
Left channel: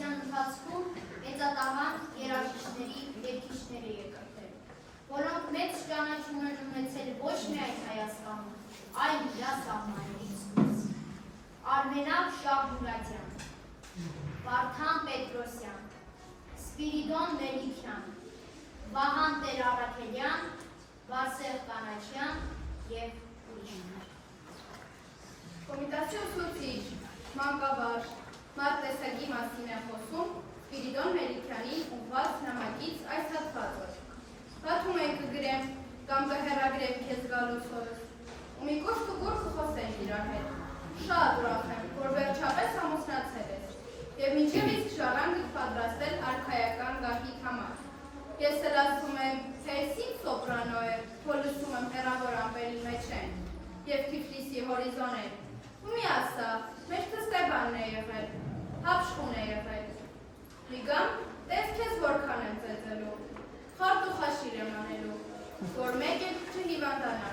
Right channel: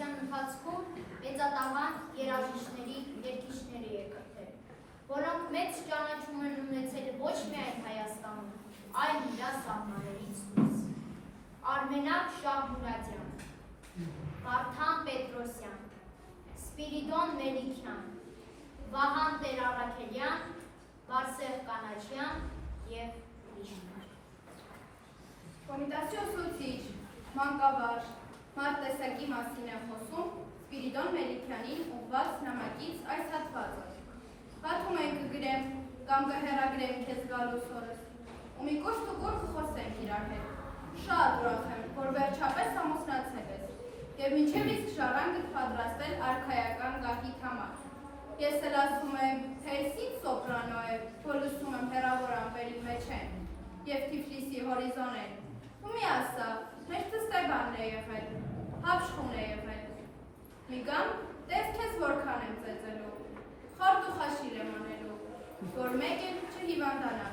Պետրոսյան, Սպիրիդոն Մելիքյան, Վահան Տեր-Առաքելյան, Վարսեղ Կանաչյան և ուրիշներ։ Կոմիտասի ուսուցիչ, մանկավարժ, մարտեսակի մասին է խոսում Սպիրիդոն Մելիքյանին ուղղված նամակից այս հատվածը։ Պատում ենք կգրեմ կամ կհեռագրեմ քեզ գալուց օրս, ու մի կոշտ-կուր կխոսենք իրար հետ։ Շատ ուրախ եմ, որ վերջապես ամուսնացել ես, և մինչև իսկ ժառանգ պատրաստել արքայական գահիթ համար։ Ես էլ ասում եմ, թե ես ինչ սոպրանո է, որ լսում եմ հեռավոր ամպերի մեջ են, և Թիֆլիսի հորիզոնել։ Ու մի ասա, մեր Ստեբանն է եղել, հապշխուն է եղել։ Մի գամ, տես քեզ որքան եմ ծեծելու, խորտ ու խաշիր եմ անելու, որ մեկ էլ չհիվանդանաս։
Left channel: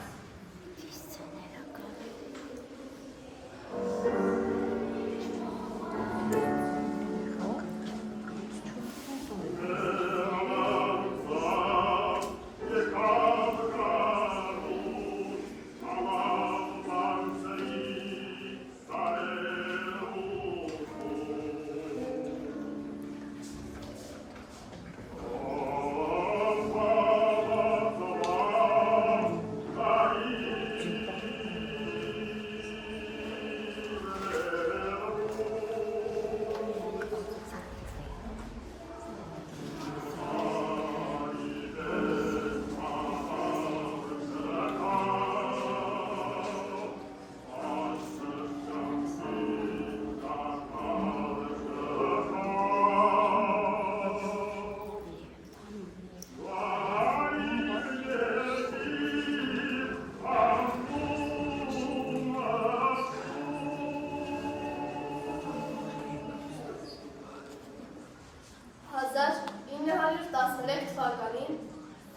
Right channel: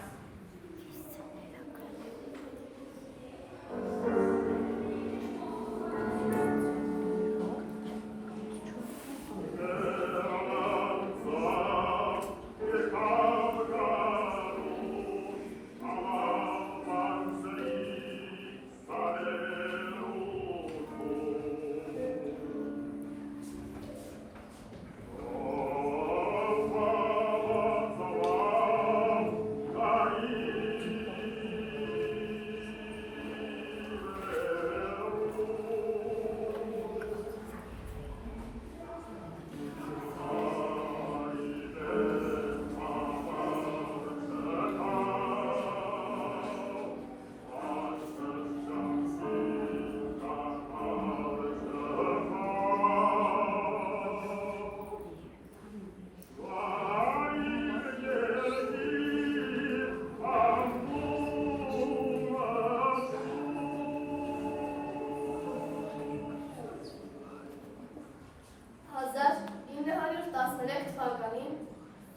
թվականին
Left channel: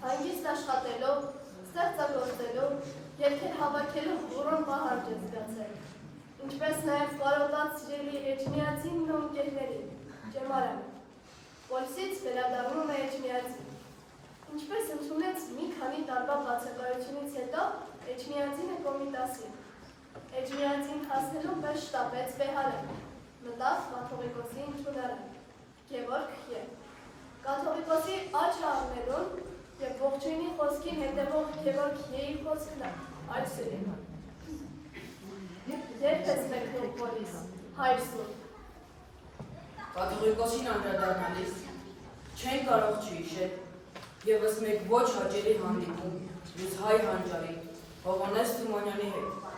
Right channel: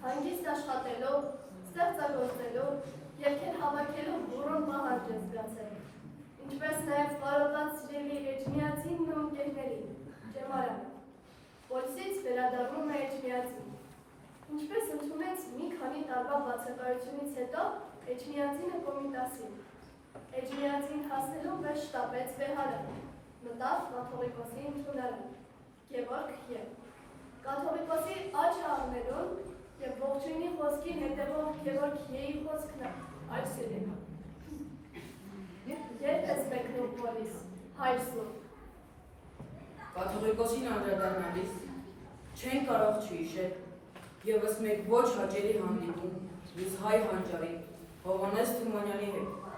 հանգիստ աշխատելով, ստեղծագործելով, երգեր հավաքելով բուրոն պահարջ է զգացել, ինչպես նաև կարողված սիրելի էջմիածինն ու ընկերներին, ճեմարանը, Պոլսից վերադառնում է էջմիածին, ինչպես ընդունեց մի քանի տարվա բացակայությունից հետո էջմիածինը կոմիտասին, էջմիածին հասնելով պես շտապեց Բեհարեն, մտավ կաթողիկոսի ընդունարան, Գևորգ Ե. Կաթողիկոսի աչը առնելուն և ողջույնի խոսքին հետևող Գևորգ Ե.ի խոսքն այլ սիրին։ Երբ ես մեկնում Պոլիս, հայր սուրբ։ Կաթողիկոսին անդրադառնալիս չեն կարող չհիշել ևս մեկ ոչ հաճելի հանդիպում մյուս հայ հանճարի Հովհաննես Թումանյանի հետ։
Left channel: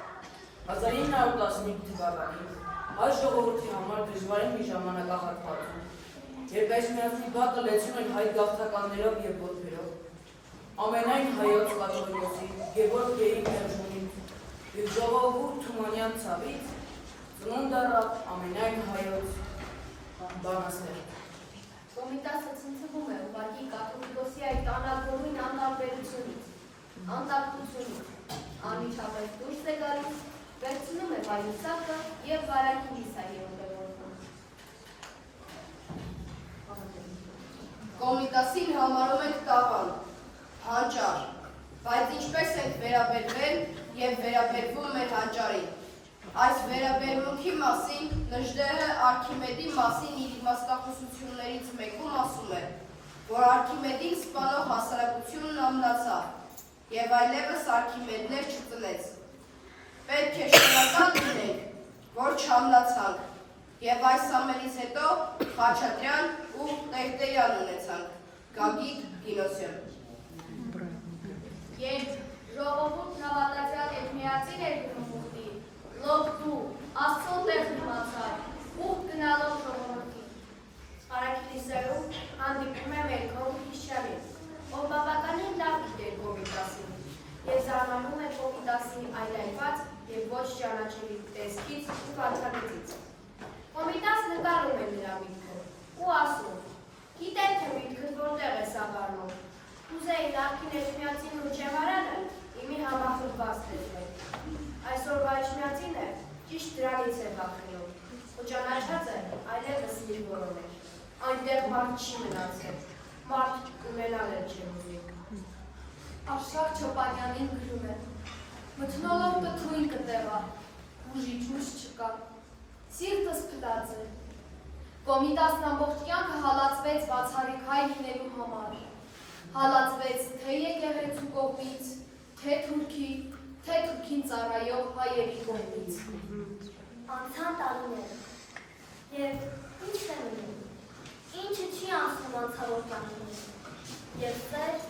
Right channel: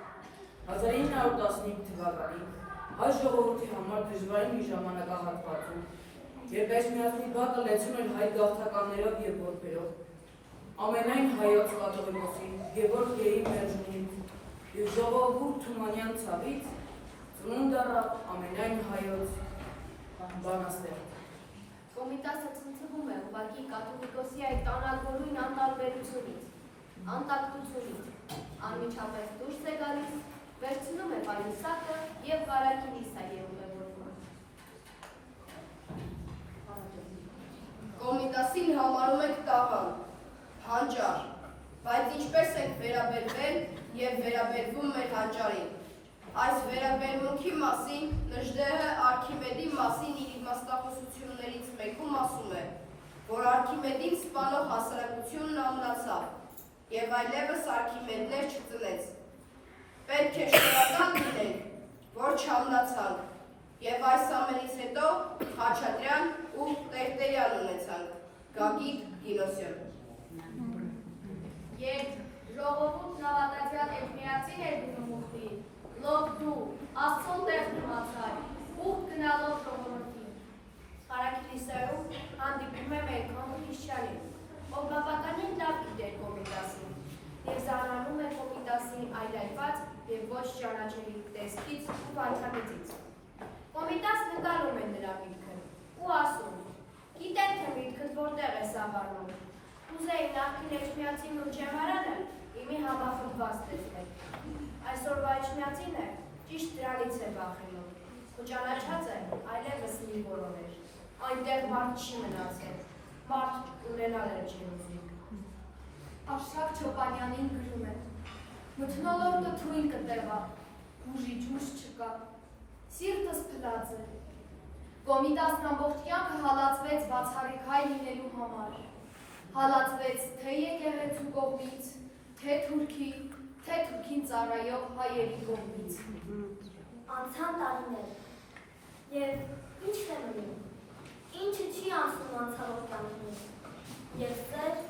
1915 թվականին հայ ժողովրդի համար դժվարին մի ժամանակահատվածում, երբ էջմիածնի բակը լեցուն են հայ գաղթականներով և որբերով, ամենայն հայոց կաթողիկոսի Գևորգ Ե.ի մերժումից և ժողովուրդ Թումանյան ցավից ծնունդ առավ ամենայն հայոց բանաստեղծ։ Կոմիտասը ցնցվում է ուղղակի կաթողիկոսի այդ անագորույն անտարբերությունից, անտակտությունից, անմիջապես դուրս է գալիս, վերցնում է վայնիսակը և վարակի միսա երողևորվում։ Կոմիտասին համարում ենք տաղան, հանճար, բայց ինչպես ենք վերաբերվել և վերաբերվում մեր հանճարին։ Այս վերաբերմունքի մասին Նժդեհը Արքիմեդի մասին իր իմաստախոսություններից մեկում ասում է, որ Արքիմեդին սպանող հասարակությունն ամլացավ և այլևս Արքիմեդներ չծնեց։ Պետք է շնորհակալ լինենք, որ չամլացանք և այս ամենից հետո Խաչատրյան ու Տերտերյան ունեցանք։ Գագիկ Գինոսյան։ Երբ ժողովուրդն հավատացյալ էջմիածին էր գնում ուխտի, լով դու, Աստծուն տեղ մնացար, ուխտ գնալով ժողովրդին։ Արաքիլիսայում հանդիպում է մեր կողմ Քրիստիանին, ով բավականին լավ գիտեր Կոմիտասին, և զարմանում է Կոմիտասի այլայլված և ոչ ճանաչելի տեսքից ու վարքագծից։ Կոմիտաս նկարում է նրա միտքը ու ասում. «Գիտեք թե միտքդ որտեղ է սավառնում։ Կուզեի նախկին էջմիածին ու ճեմարանը իմի համախմբված տեսնել։ Այսօրվա էջմիածինը ճիշտ դրանից է վախենում, ու ճանաչած է այլևս մի որոներ։ Այնտեղ մարդ չի մնացել, մարդ ունենալ էլ չեն ուզի»։ Արշակ Չոպանյանին գրում է. «Մթնոլորտը թույն կտեղա, ուժի ջուր չկա, սիրտս փլած է, Կոմիտասն ամբողջ կյանքը հալածվեց բացառիկ հայ լինելու համար։ Հալածվեց թե եկեղեցու կողմից, թե թուրքին ծառայող հայերի կողմից։ Անցան տարիներ, և ի՞նչն է մնում, ինչը չի անցնում անցավոր կյանքին, և սեր,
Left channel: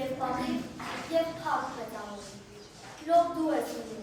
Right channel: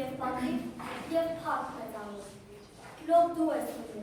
և պատիվ, և փառք մեծանում, լով դու ես ունում,